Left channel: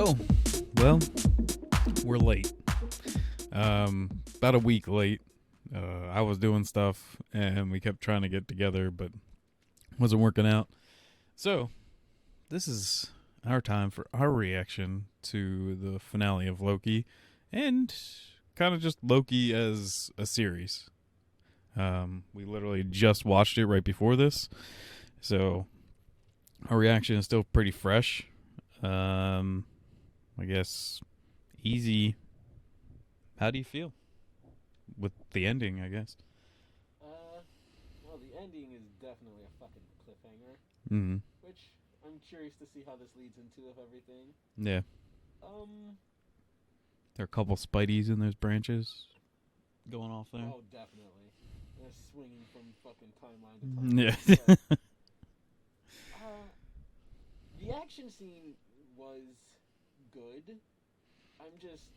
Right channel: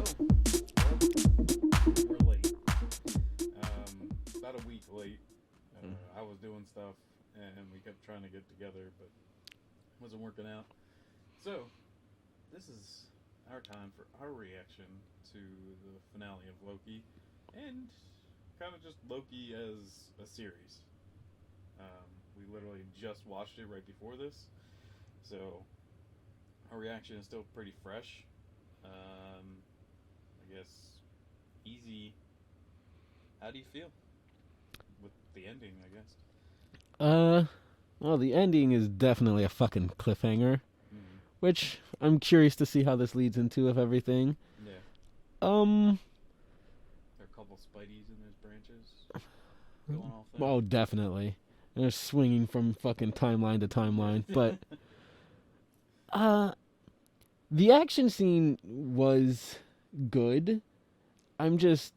So, well, we're late. About a week late. I was doing stuff, and we kept trying to get together, but wasn't working out. So, this is our time for our reaction to the finale of Loki, and kind of just Loki as a series. We literally just watched it right before this, so our reaction is still pretty fresh. I guess easy. How do you feel with the ending, I guess? Well, the ending is definitely a fucking cliffhanger, Mm-hmm. which I'm curious to see how this leads into of everything. Yeah. There are a couple Spideys in those branches going off there. Oh, definitely. And they're swinging from fucking timeline to timeline. Yeah. But, the action scene was good. I'm just...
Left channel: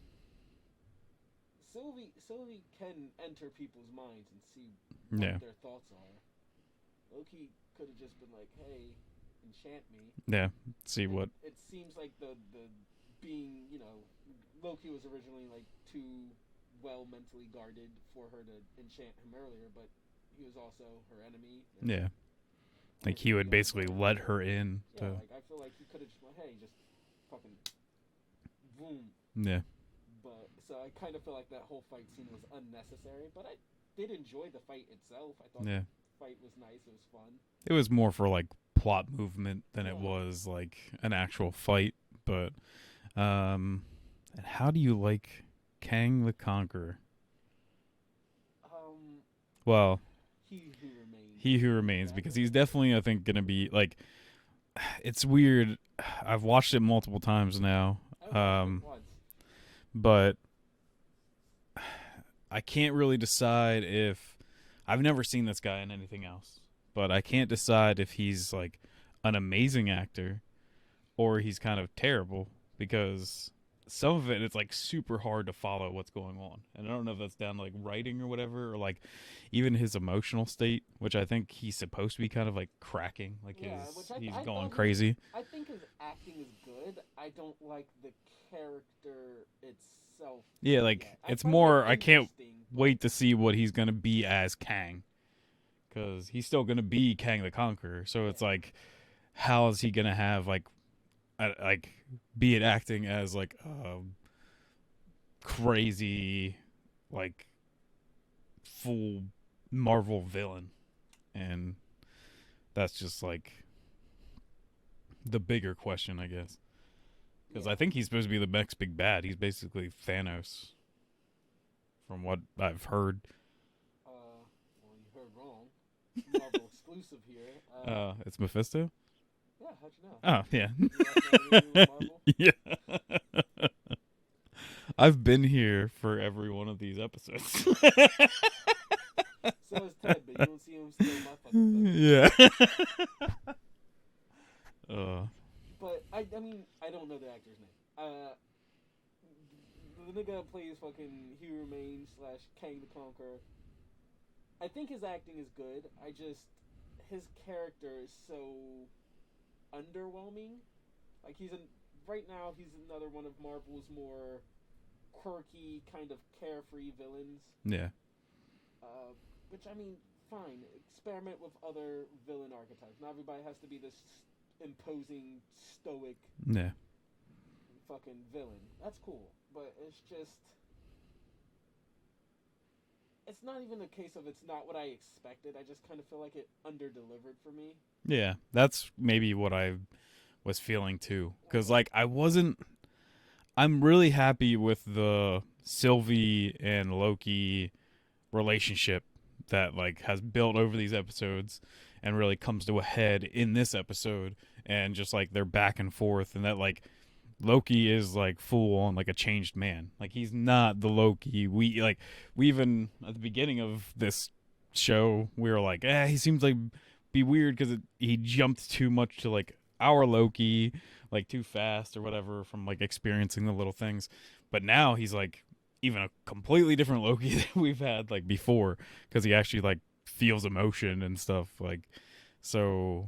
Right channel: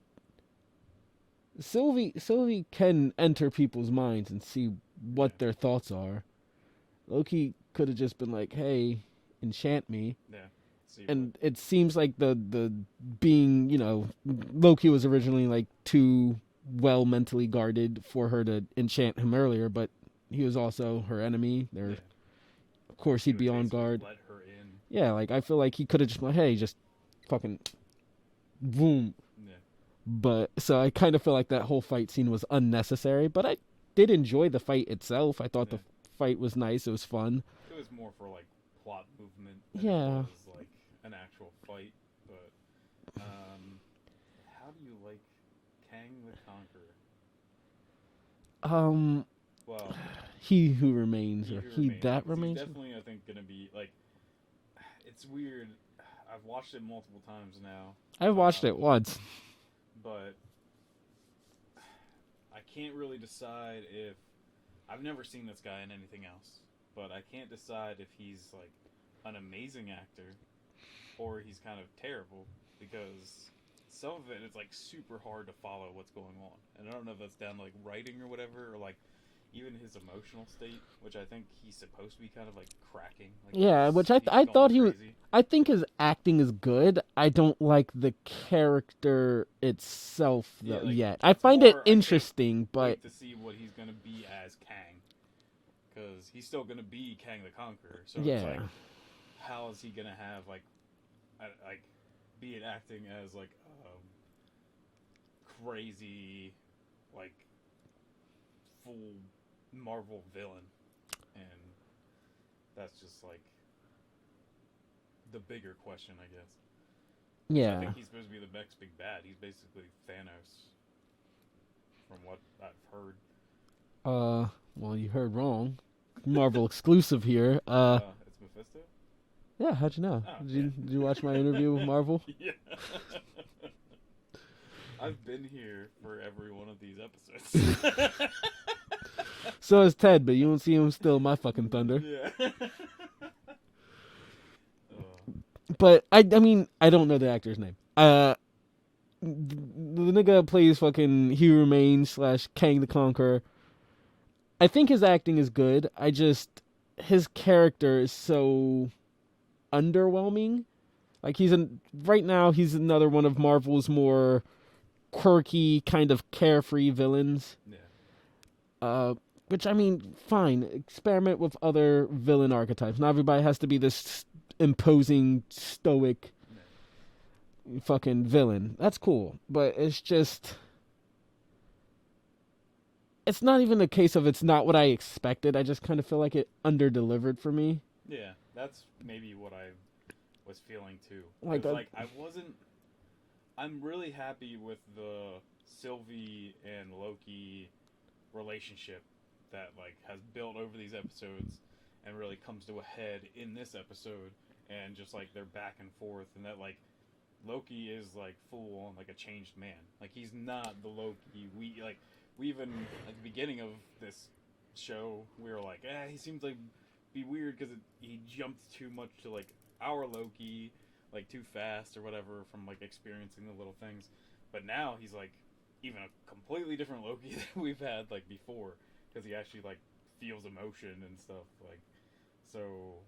Sylvie can enter people's minds and see what their thoughts are. Loki could have just been like, hey, enchant me. Yeah. See and what. it seems like the being, Loki was originally like too well mentally guarded for her to enchant him earlier, but he was also her enemy. Yeah. Of course, he would be basically on guard. let her in. Yeah, like I feel like he could have just like, hey, just fucking boom. Yeah. But so I kind of feel like that whole fight scene was unnecessary, but I did enjoy the fight itself. I thought the fight was nice. It was fun. It was more for like plot movement than it was like an actual fight. But and how do you like Kang the Conqueror? Well, He Who Remains. He Who Remains, because he's definitely, I think, gonna be like. It's weird. I've watched it multiple times now. I watched it once. But I can't really decide if... I've never seen this guy in anything else. But I can't decide if he's, like, an amazing actor or he's kind of terrible, because some of it's, like, super hard to follow what's going on. And I don't know if that's down to, like, writing or whatever, or, like, even his emotional state, which I think he's supposed to be kind of, like, cracking. Like, yeah, which I thought he crazy. was... I think his acting is good. I don't like the character itself yet. I find it interesting, but... wait to see what he's going to be as Kang. Because he's still going to be Kang the Conqueror. So it's like, how is he going to have, like, be it acting as, like, crazy, like, full Marvel villain? And that's just, like, the bigger question, I guess. Yeah. So I think he's supposed to be the next big bad. He's basically Thanos, from what I've heard. Well, you heard wrong. Marvel exclusive here. It's Mephisto? Yeah, how'd you know? Oh, did you watch my interview with Marvel? Yeah. I've been here for every one of these episodes. So is Ted, but you don't see him still my fucking thunder. Yeah. But I mean, I don't know the actor's name. The nigga plays fucking He Who Remains / Kang the Conqueror. I think his acting is good. His character is so underwhelming. Like right now he's another one of Marvel's more quirky, kind of carefree villains. Yeah. Which, I mean, fine. Experiment with other villain archetypes. Not everybody has to be this imposing, stoic fucking villain. That's cool. But it's just... It's not even a case of it's not what I expected. I just kind of feel like it under-delivered for me. Yeah, that's maybe what I was feeling too. Because, I'm really happy with the Sylvie and Loki relationship that, like, has built over these episodes and really comes to a head in this episode. And just, like, they're back and forth. And that, like, Loki is, like, full on, like, a changed man. Like, he's not the Loki. We even, at the beginning of this show, we were like, he seems like be weird because he jumped too much to, like, our Loki, like, too fast or whatever from, like, experiencing the little things. But now he's, like, even a completely different Loki than we've had, like, before, because he actually, like, feels emotion and stuff, like, so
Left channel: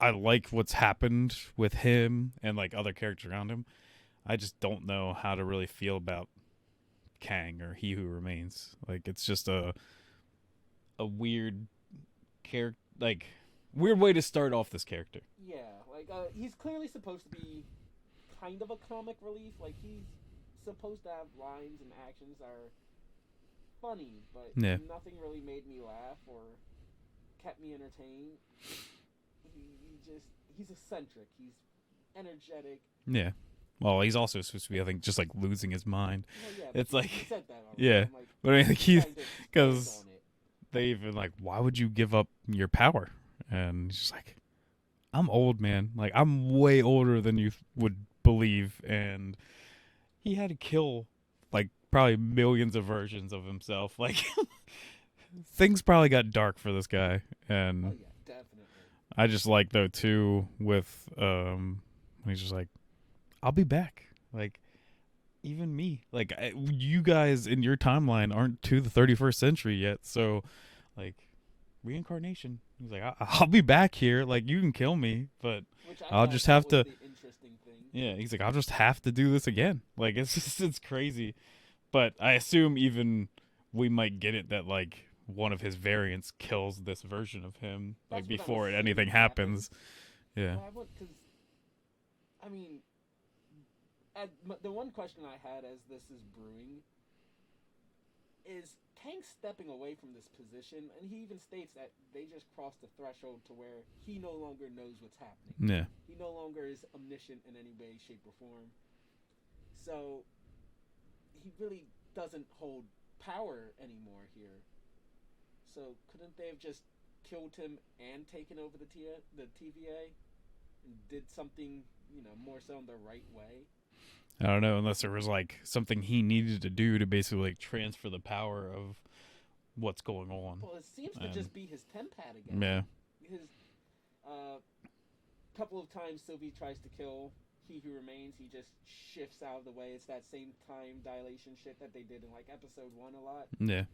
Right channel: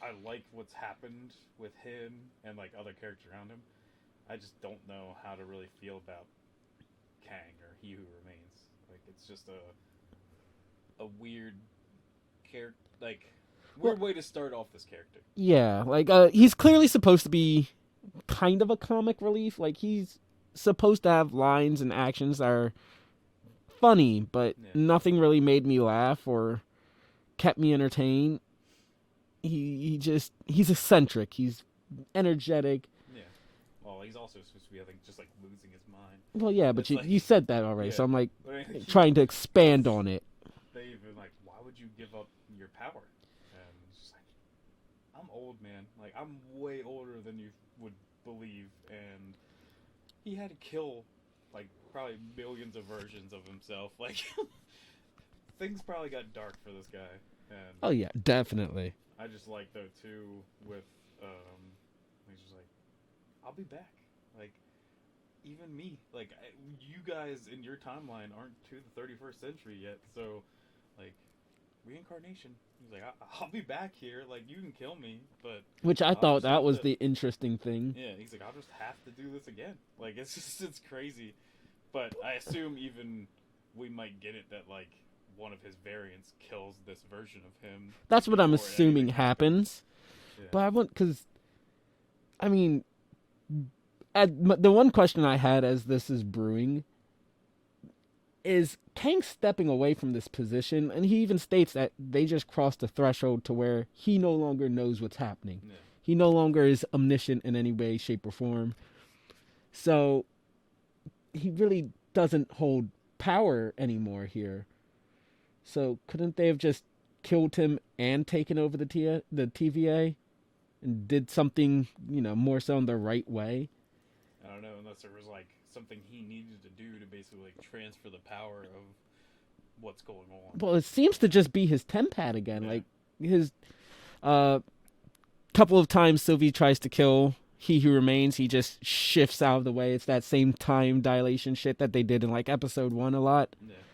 I like what's happened with him and, like, other characters around him. I just don't know how to really feel about Kang or He Who Remains. Like it's just a weird character, like weird way to start off this character. Yeah, like he's clearly supposed to be kind of a comic relief. Like he's supposed to have lines and actions that are funny, but Yeah. nothing really made me laugh or kept me entertained. He's eccentric. He's energetic. Yeah. Well, he's also supposed to be, I think, just like losing his mind. Well, yeah, but It's you, like- you said that already, Yeah. so I'm like But I mean, like, trying to expand 'cause- on it. they even like, why would you give up your power? And he's just like, I'm old, man. Like I'm way older than you would believe, and he had to kill like probably millions of versions of himself. Like things probably got dark for this guy, and Oh yeah, definitely. I just like though too with he's just like, I'll be back. Like even me, like you guys in your timeline aren't to the 31st century yet, so like reincarnation. He's like, I'll be back here. Like you can kill me, but Which I I'll thought just that have was to- the interesting thing. yeah, he's like, I'll just have to do this again. Like it's crazy, but I assume even we might get it that like one of his variants kills this version of him. That's what I'm before assuming anything happens. Yeah. But I want because, I mean, the one question I had as this is brewing is Kang stepping away from this position, and he even states that they just crossed the threshold to where he no longer knows what's happening. Yeah. He no longer is omniscient in any way, shape, or form. So he really doesn't hold power anymore here. So couldn't they have just killed him and taken over the TVA and did something, more so in the right way? I don't know, unless there was like something he needed to do to basically like transfer the power of what's going on. Well, it seems to Yeah. just be his tempad again. Yeah. Like his couple of times Sylvie tries to kill He Who Remains, he just shifts out of the way. It's that same time dilation shit that they did in like episode 1 a lot. Yeah.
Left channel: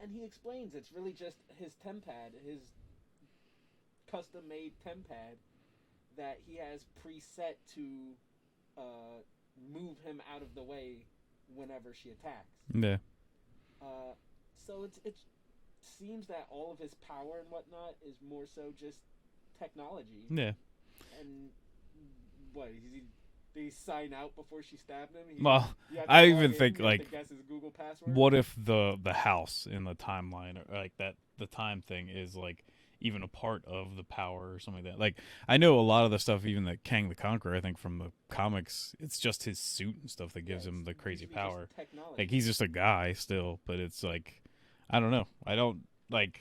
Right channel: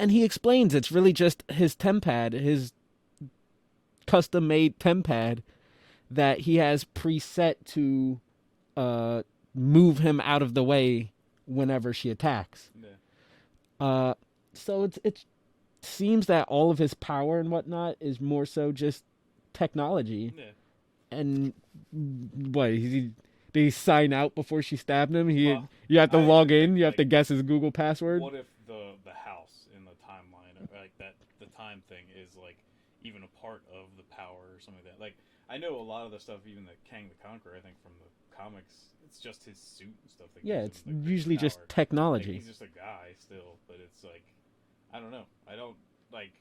And he explains it's really just his tempad, his custom-made tempad that he has preset to move him out of the way whenever she attacks. Yeah. So it seems that all of his power and whatnot is more so just technology. Yeah. And what did he sign out before she stabbed him? Well, You have I to even log in. think, You have to like, guess his Google password. What if the house in the timeline, or like that the time thing is like even a part of the power or something like that? Like I know a lot of the stuff, even that Kang the Conqueror, I think from the comics, it's just his suit and stuff that Yeah, gives it's him the crazy usually power. just technology. Like he's just a guy still, but it's like I don't know. I don't like.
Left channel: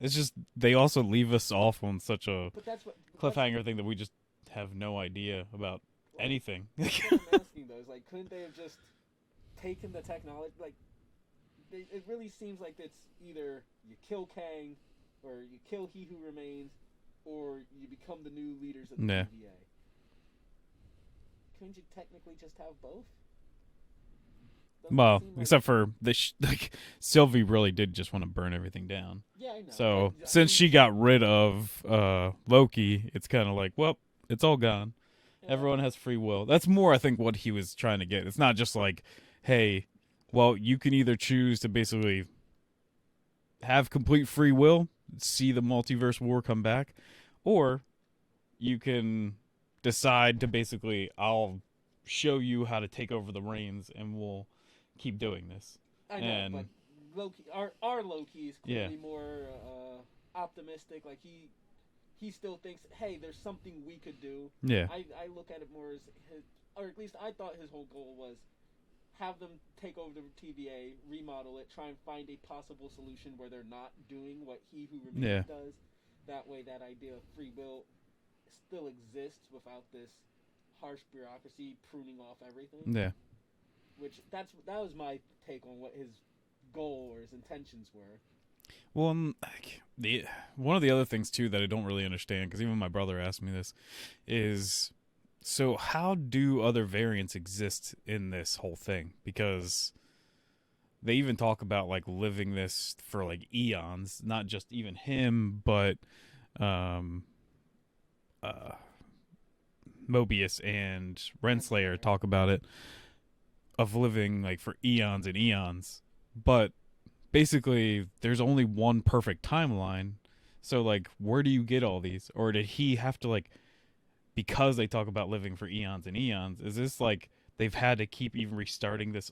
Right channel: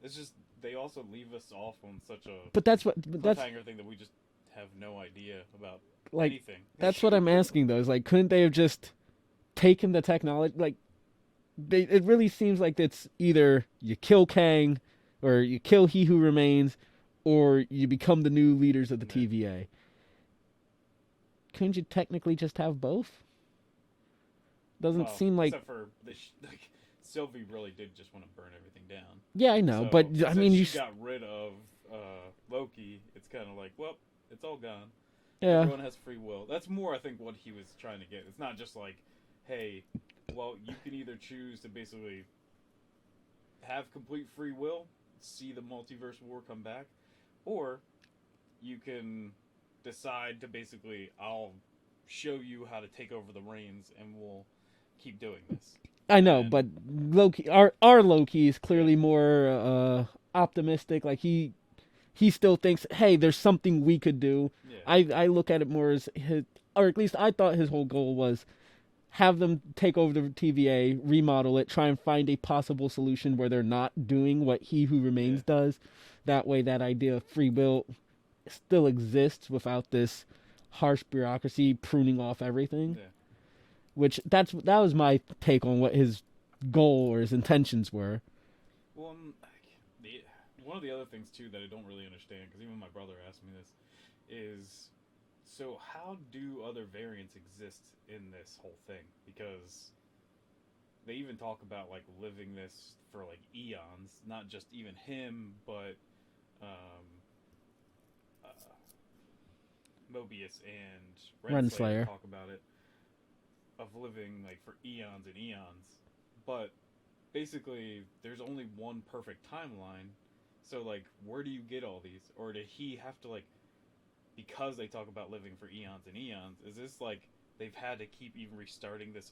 It's just they also leave us off on such a but that's cliffhanger thing that we just have no idea about like anything. that's what I'm asking though. Is like, couldn't they have just taken the technology? Like, it really seems like it's either you kill Kang, or you kill He Who Remains, or you become the new leaders of the Yeah. TVA. Couldn't you technically just have both? Doesn't Well, seem like. except for like Sylvie really did just want to burn everything down. Yeah, I know, So but I since mean, she got rid of Loki, it's kind of like, well, it's all gone. yeah. Everyone has free will. That's more, I think, what he was trying to get. It's not just like, hey, well, you can either choose to basically have complete free will, see the multiverse war come back, or you can decide to basically, I'll show you how to take over the reins, and we'll keep doing this. I know, And- but Loki, our Loki is clearly more optimistic. Like he still thinks, hey, there's something we could do. Yeah. I look at it more as his, or at least I thought his whole goal was have them take over the TVA, remodel it, try and find a possible solution where they're not doing what He Who Remains Yeah. does. That way, that idea of free will still exists without this harsh bureaucracy pruning off everything. Yeah. Which that was my take on what his goal or his intentions were. Well, like, one of the other things too that I don't really understand, because even my brother asked me this, is so how do other variants exist in this whole thing? Because they even talk about like living this for like eons, not just even him, but Mobius and Renslayer Renslayer. talk about it, of living like for eons and eons. But basically, there's only one perfect timeline. So like, where do you get all these? Or did he have to like, because they talk about living for eons and eons? Is this like they've had to keep even restarting this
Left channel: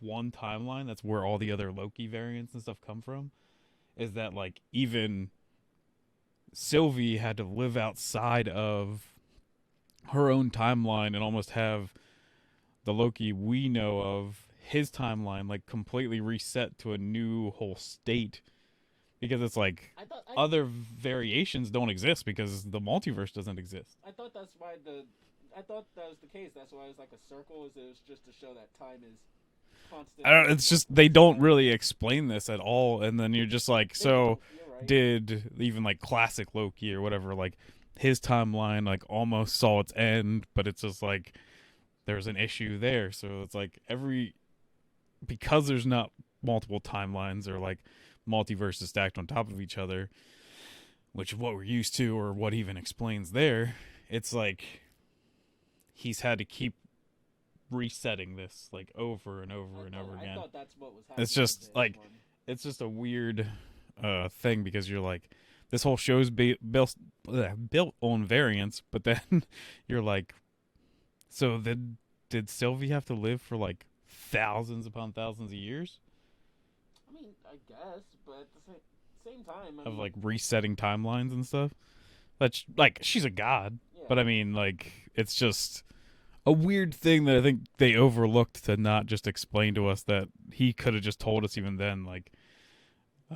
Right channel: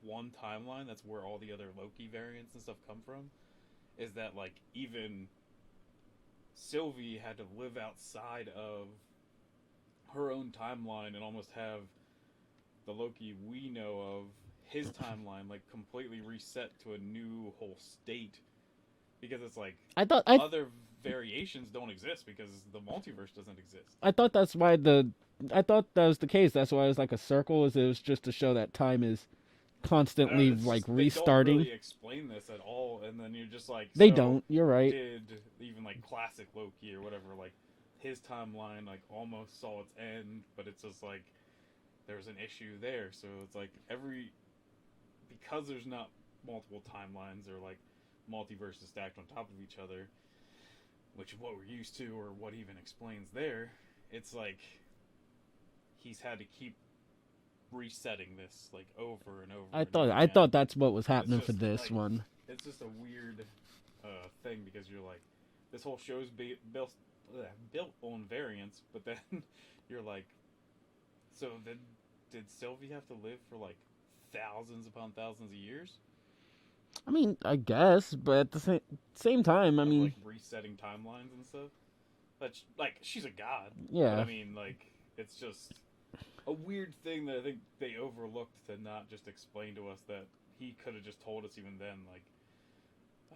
one timeline? That's where all the other Loki variants and stuff come from. Is that like even Sylvie had to live outside of her own timeline and almost have the Loki we know of, his timeline, like completely reset to a new whole state, because it's like other variations don't exist because the multiverse doesn't exist. I thought that was the case. That's why it was like a circle. It was just to show that time is constantly. I don't know, it's like, just they don't restarting. really explain this at all, and then you're just like, They so don't. You're right. did even like classic Loki or whatever, like his timeline like almost saw its end, but it's just like there's an issue there. So it's like because there's not multiple timelines or like multiverses stacked on top of each other, which is what we're used to, or what even explains there, it's like he's had to keep resetting this like over and over. I thought that's what was happening just for this like, one. It's just a weird thing, because you're like, this whole show's built on variants, but then you're like, so did Sylvie have to live for like thousands upon thousands of years? I mean, I guess, but at the same time, I mean, like resetting timelines and stuff. That's like, she's a god, yeah. but I mean, like, it's just a weird thing that I think they overlooked to not just explain to us that he could have just told us even then. Like,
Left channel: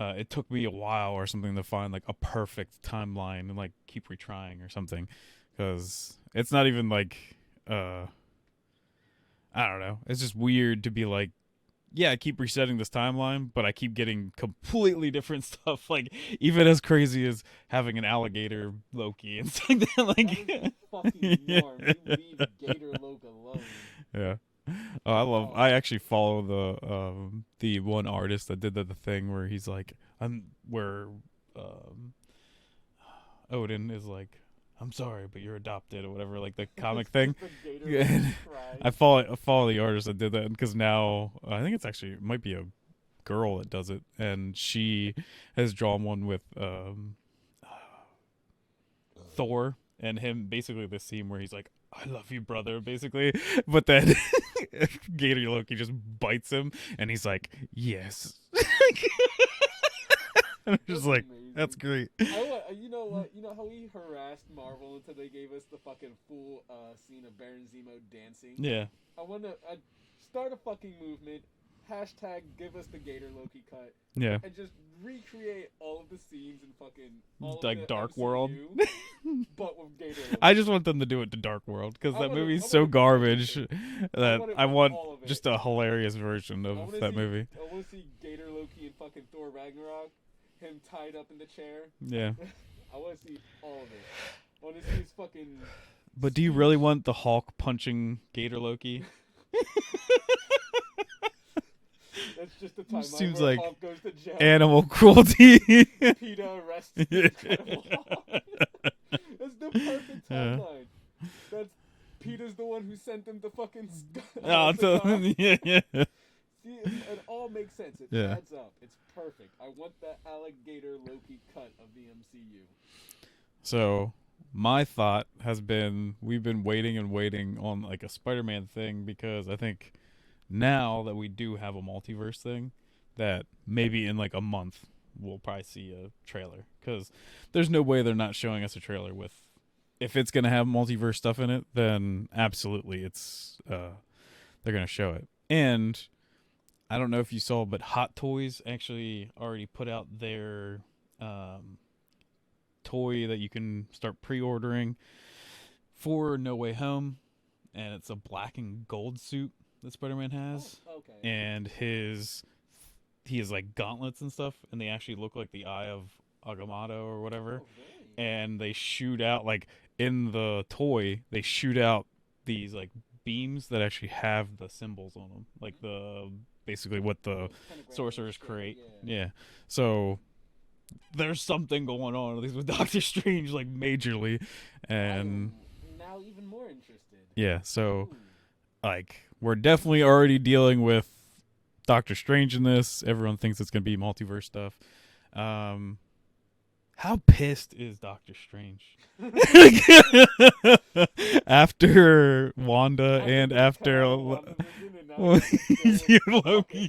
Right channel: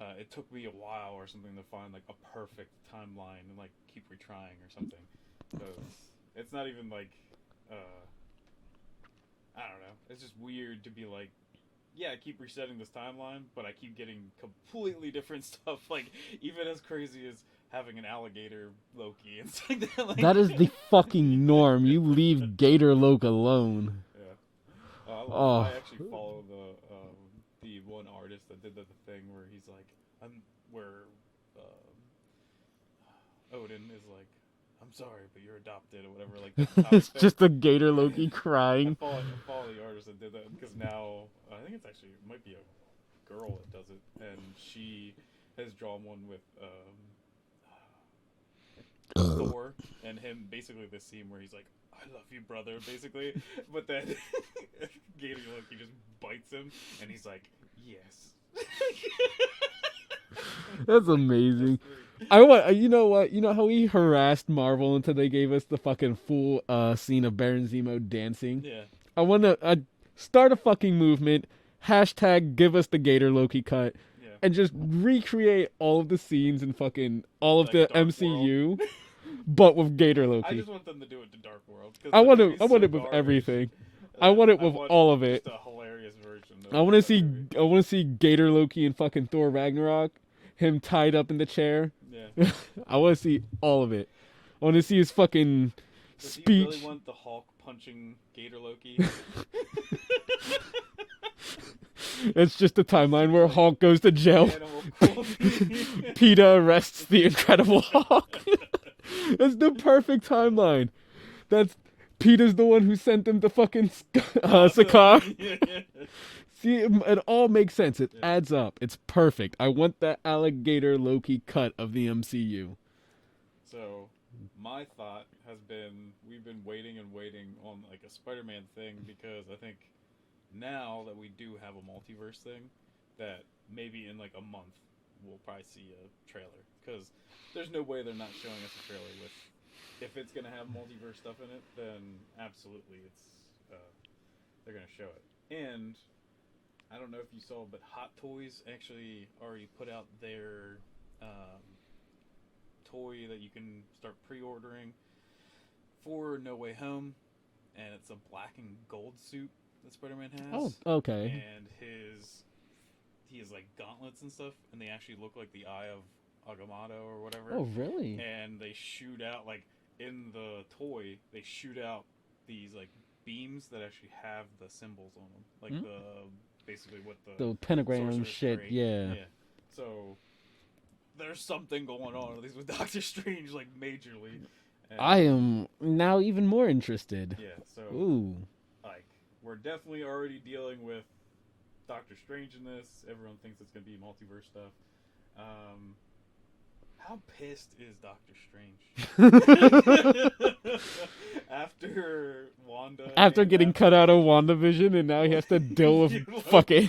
it took me a while or something to find like a perfect timeline and like keep retrying or something, because it's not even like I don't know. It's just weird to be like, yeah, I keep resetting this timeline, but I keep getting completely different stuff. Like, even as crazy as having an alligator Loki and stuff like that. Like, that is the fucking norm. You leave Gator Loke alone. Yeah. I actually follow the one artist that did the thing where he's like, Odin is like, I'm sorry, but you're adopted or whatever, like the comic It's thing. just the Gator Loki crying. I follow the artist that did that, because now I think it might be a girl that does it, and she has drawn one with Thor and him, basically the scene where he's like, I love you, brother, basically, but then Gator Loki just bites him and he's like, yes. That's like, amazing. That's great. You know what? You know how we harassed Marvel until they gave us the fucking full scene of Baron Zemo dancing? Yeah. I want to start a fucking movement. # give us the Gator Loki cut. Yeah. And just recreate all of the scenes in fucking all like of the Dark MCU, but with Gator Loki. I just want them to do it to Dark World, because I want movie's so garbage. I want it with all of it. Just a hilarious version of I want to that see. movie. I want to see Gator Loki and fucking Thor Ragnarok. Him tied up in the chair. Yeah. I want to see all of it. I want to see his fucking. But speech. do you really want the Hulk punching Gator Loki? It's just a timeline Seems where like Hulk goes to jail. Animal cruelty. PETA arrests the Incredible Hulk. That's the perfect timeline. That's PETA's the one who sent him to fucking Sakaar. Yeah. See, it all makes sense. It Yeah. adds up. It's perfect. I want that alligator Loki cut of the MCU. So my thought has been, we've been waiting and waiting on like a Spider-Man thing, because I think now that we do have a multiverse thing, that maybe in like a month we'll probably see a trailer, because there's no way they're not showing us a trailer with, if it's going to have multiverse stuff in it, then absolutely it's they're going to show it. And I don't know if you saw, but Hot Toys actually already put out their toy that you can start pre-ordering for No Way Home, and it's a black and gold suit that Spider-Man has. Oh, okay. And he has like gauntlets and stuff, and they actually look like the eye of Agamotto or whatever. Oh, really? And they shoot out, like in the toy, they shoot out these like beams that actually have the symbols on them, like basically what the pentagram Sorcerer's shit. Crate. Yeah. So there's something going on, at least with Doctor Strange, like majorly, And, I am now even more interested. Yeah, so Ooh. like we're definitely already dealing with Doctor Strange in this. Everyone thinks it's gonna be multiverse stuff. How pissed is Doctor Strange after Wanda After and getting after cut out of WandaVision, and now he has to deal with fucking.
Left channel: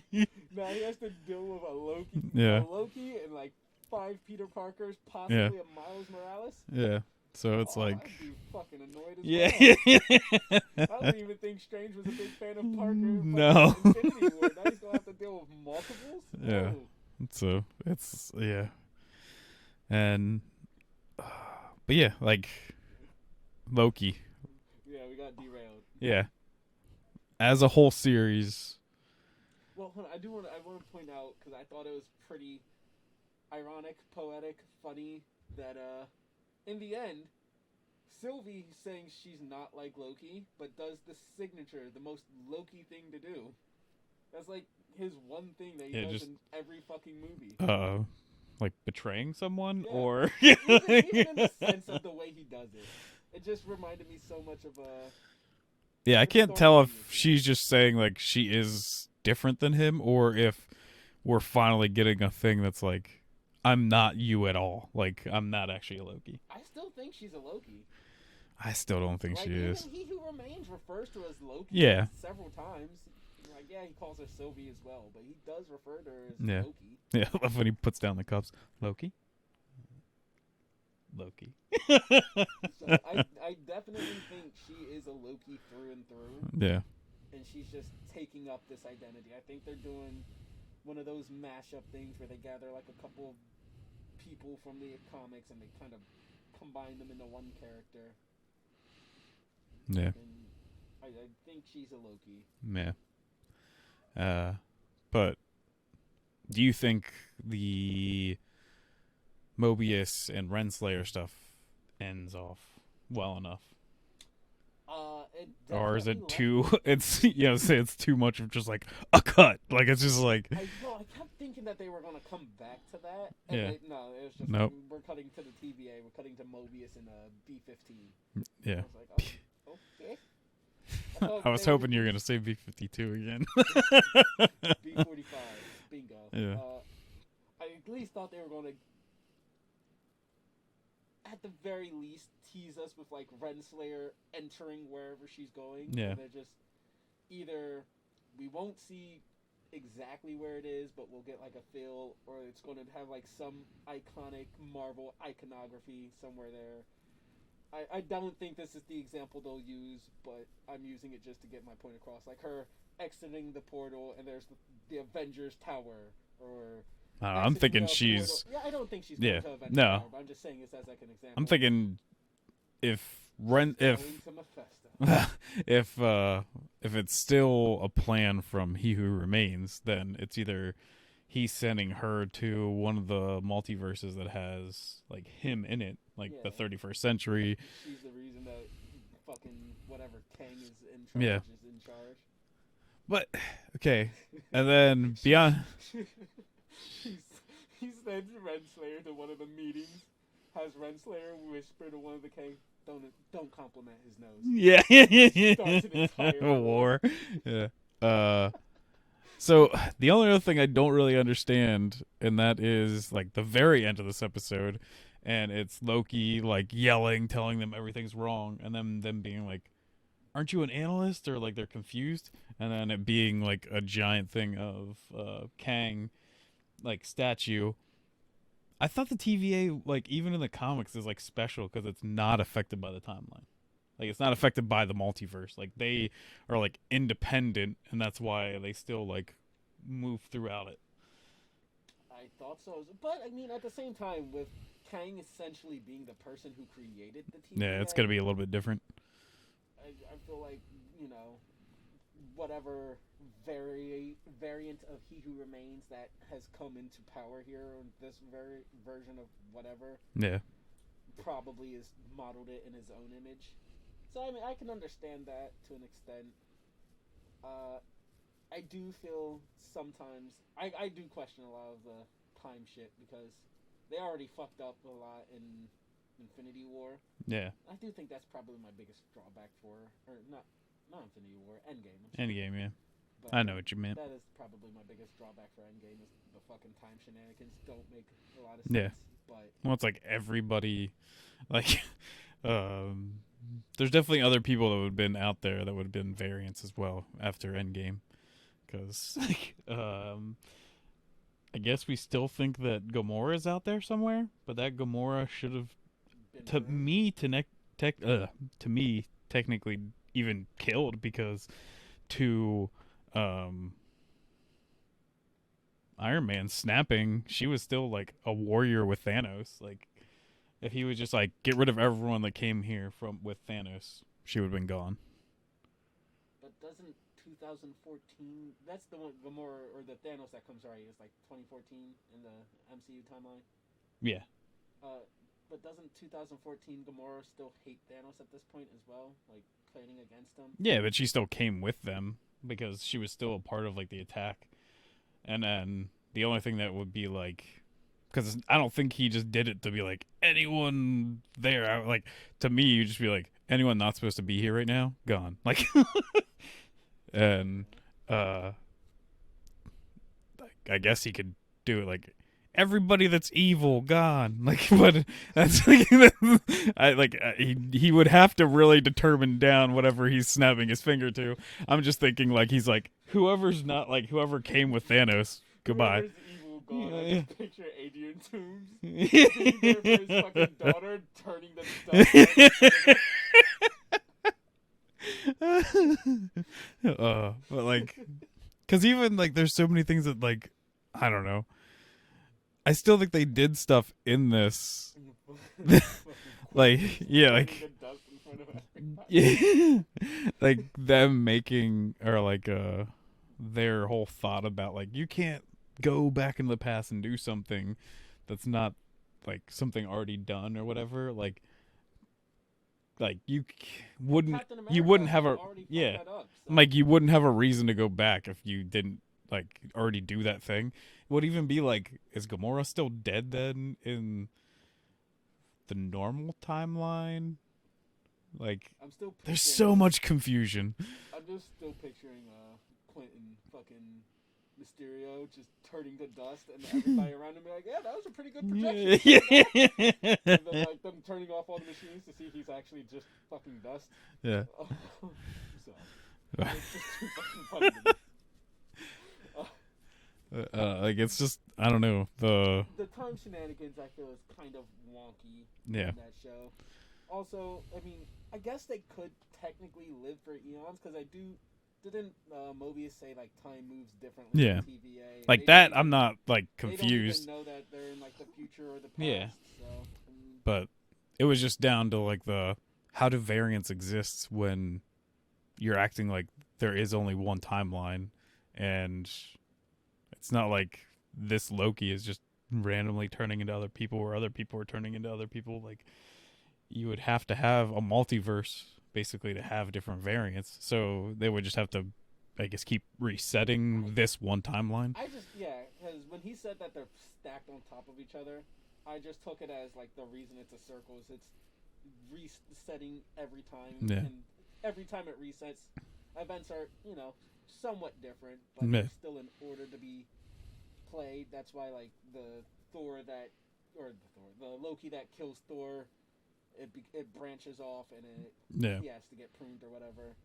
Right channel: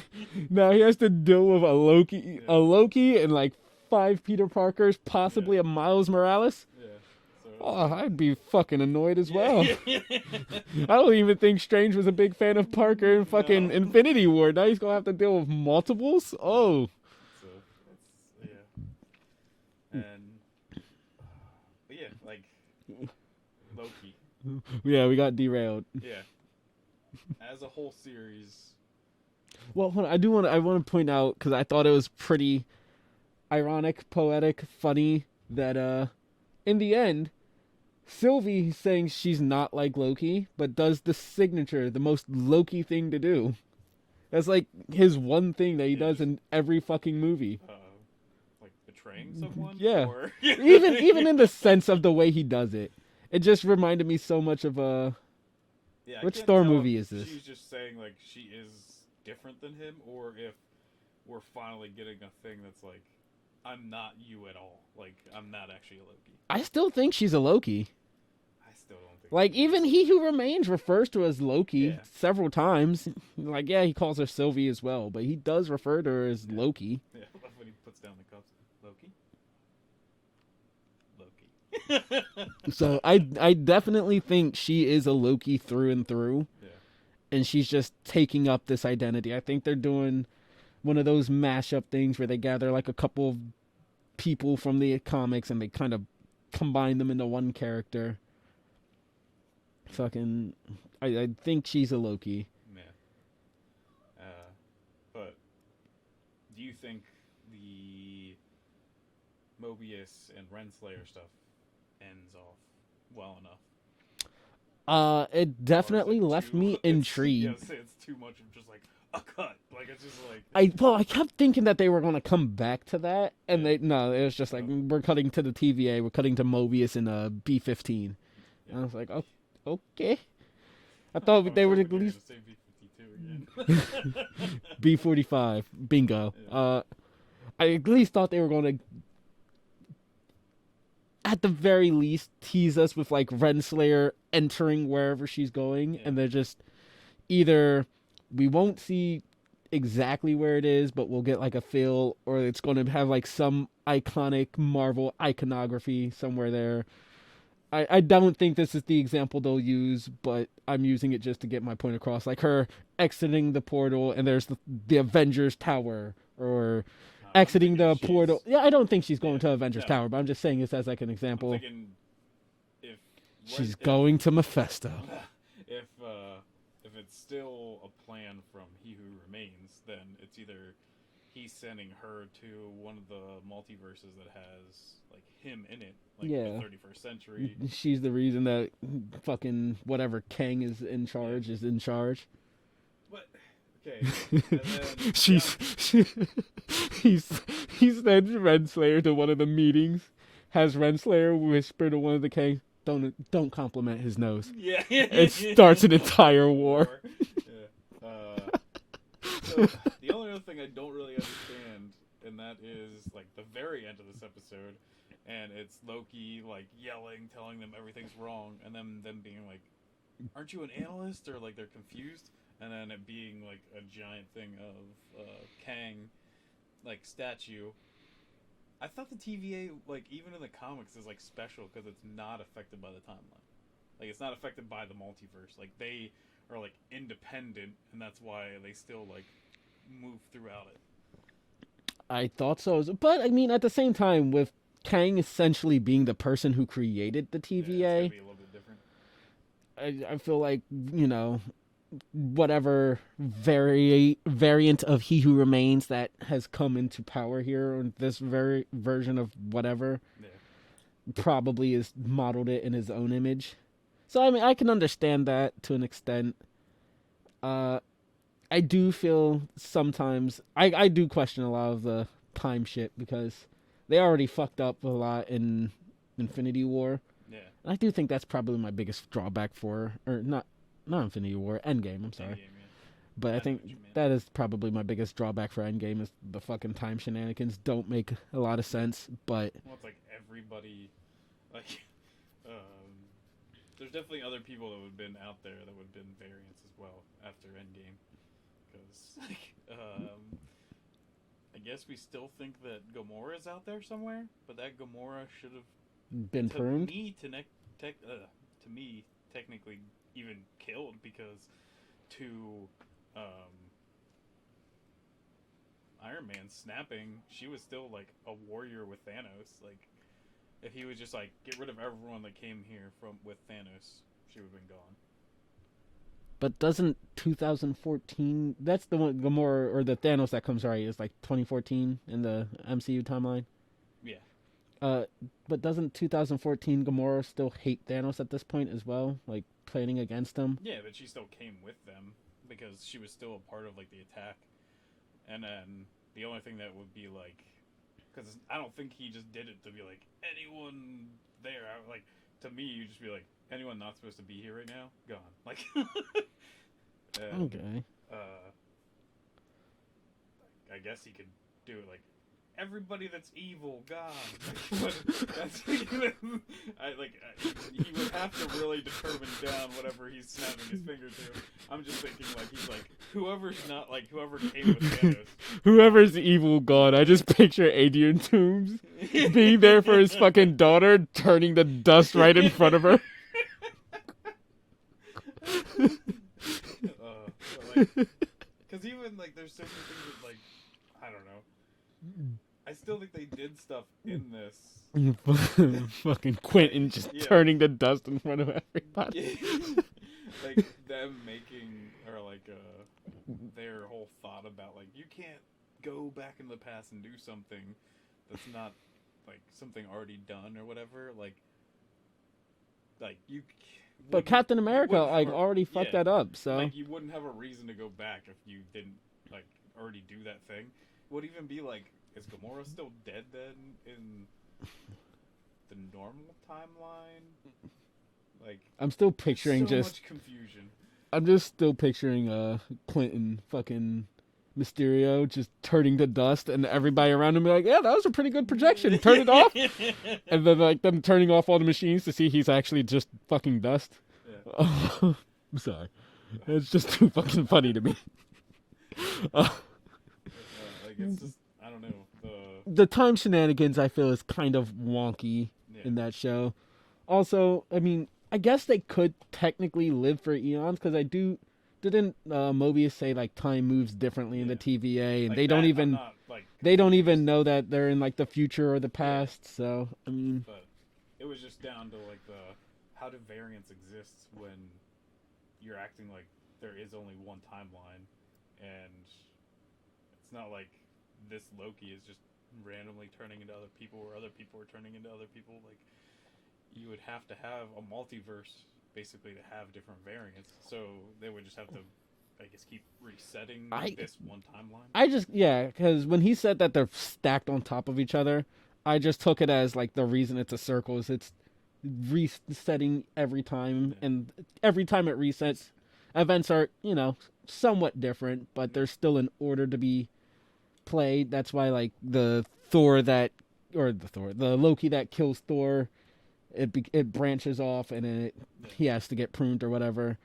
Now he has to deal with a Loki, and like 5 Peter Parkers, possibly a Miles Morales. Yeah. So it's like I'd be fucking annoyed as well. I don't even think Strange was a big fan of Parker in fucking Infinity War. Now he's gonna have to deal with multiples. Yeah. Oh, so it's and but yeah, like Loki. yeah, we got derailed. Yeah. As a whole series. Well, hold on. I want to point out, because I thought it was pretty ironic, poetic, funny that in the end, Sylvie saying she's not like Loki, but does the signature, the most Loki thing to do. That's like his one thing that he does in every fucking movie. Like betraying someone? Yeah. Or even in the sense of the way he does it. It just reminded me so much of yeah, I which can't Thor tell movie if is this? she's just saying like she is different than him, or if we're finally getting a thing that's like, I'm not you at all. Like, I'm not actually a Loki. I still think she's a Loki. I still don't think Like, she even is. He Who Remains refers to her as Loki Yeah. several times. Like, yeah, he calls her Sylvie as well, but he does refer to her as Loki. Yeah, I love when he puts down the cups. Loki? Loki. So I definitely think she is a Loki through and through. Yeah. And she's just taking up this identity. I think they're doing one of those mashup things where they gather like a couple of people from the comics and they kind of combine them into one character. Yeah. Fucking, I think she's a Loki. Yeah. But do you think the Mobius and Renslayer stuff ends off well enough? It definitely left me intrigued. Yeah, say it's too much of just like a cut. Like it's just like I kept thinking that they were gonna come back to that, and it was just like we're cutting to the TVA, we're cutting to Mobius in a B-15. Yeah. And I was like, oh, okay. I thought I was hoping you were gonna say B-52 again. B-45, bingo. Yeah. I at least thought they were gonna, at the very least, tease us with like Renslayer entering wherever she's going, and they're just either we won't see exactly where it is, but we'll get like a feel, or it's going to have like some iconic Marvel iconography somewhere there. I don't think this is the example they'll use, but I'm using it just to get my point across. Like her exiting the portal, and there's the Avengers Tower, or exiting the portal. Yeah, I don't think she's going to Avengers Tower, but I'm just saying this as like an example. I'm thinking if she's going to Mephisto. If it's still a plan from He Who Remains, then it's either he's sending her to one of the multiverses that has like him in it, like the 31st century. She's the reason that fucking whatever Kang is in charge is in charge. But okay, and then beyond, he sends Renslayer to one of the meetings. Has Renslayer whisper to one of the Kangs, "Don't compliment his nose." Yeah, it starts an entire war. Yeah. So the only other thing I don't really understand, and that is like the very end of this episode, and it's Loki like yelling, telling them everything's wrong, and then them being like, "Aren't you an analyst?" Or like they're confused, and then it being like a giant thing of Kang, like statue. I thought the TVA, like even in the comics, is like special because it's not affected by the timeline. Like it's not affected by the multiverse. Like they are like independent, and that's why they still like move throughout it. I thought so, but I mean, at the same time, with Kang essentially being the person who created the TVA, Yeah, it's gonna be a little bit different. I feel like, you know, whatever variant of He Who Remains that has come into power here, or this very version of whatever, probably is modeled it in his own image. So I mean, I can understand that to an extent. I do feel sometimes I do question a lot of the time shit, because they already fucked up a lot in Infinity War. Yeah. I do think that's probably my biggest drawback for, or not Infinity War, Endgame. I'm sorry. Endgame, yeah. But I I know think what you meant. that is probably my biggest drawback for Endgame is the fucking time shenanigans don't make a lot of sense. But Well, it's like everybody, like, there's definitely other people that would have been out there that would have been variants as well after Endgame, because like, I guess we still think that Gamora is out there somewhere, but that Gamora should have, been to pruned. me, to me, technically even killed, because to Iron Man snapping, she was still like a warrior with Thanos. Like, if he was just like get rid of everyone that came here from with Thanos, she would have been gone. But doesn't 2014? That's the one Gamora or the Thanos that comes right is like 2014 in the MCU timeline. Yeah. But doesn't 2014 Gamora still hate Thanos at this point as well, like planning against him? Yeah, but she still came with them because she was still a part of like the attack. And then the only thing that would be like, because I don't think he just did it to be like anyone there. Like, to me, you just be like, anyone not supposed to be here right now, gone. Like, and Okay. I guess he could do it like everybody that's evil gone. Like, but that's like, he would have to really determine down whatever he's snapping his finger to. I'm just thinking like he's like whoever's not like whoever came with Thanos. Whoever's evil god, I just picture Adrian Toombs being there for his fucking daughter, turning the dust right in front of her. But like, because even like there's so many things that like I don't know. I still think they did stuff in this. Fucking Quentin Like, just yeah, turning the dust in front of everybody. like them making or like their whole thought about like you can't go back in the past and do something that's not like something already done or whatever. Like you But wouldn't. Captain America you wouldn't have already fucked that up. So like you wouldn't have a reason to go back if you didn't like already do that thing. It would even be like, is Gamora still dead then in the normal timeline? Like, I'm still there's picturing so much confusion. I'm just still picturing Clinton fucking Mysterio just turning to dust and everybody around him be like, yeah, that was a pretty good projection. Turn it off. And then like them turning off all the machines to see he's actually just fucking dust. Yeah. I'm sorry. It's just too fucking funny to me. Like it's just I don't know The time shenanigans I feel is kind of wonky in that show. Also, I mean, I guess they could technically live for eons because didn't Mobius say like time moves differently in the TVA? And like they that. don't even, I'm not like confused. they don't even know that they're in like the future or the past. Yeah. So I mean, but it was just down to like the how do variants exist when you're acting like there is only one timeline and it's not like this Loki is just randomly turning into other people or other people are turning into other people. Like you would have to have a multiverse basically to have different variants. So they would just have to, I guess, keep resetting this one timeline. Because when he said that they're stacked on top of each other, I just took it as like the reason it's a circle is it's resetting every time. Yeah. And every time it resets, events are, somewhat different, but there's still an order to be played. That's why like the Loki that kills Thor, it branches off and he has to get pruned or whatever.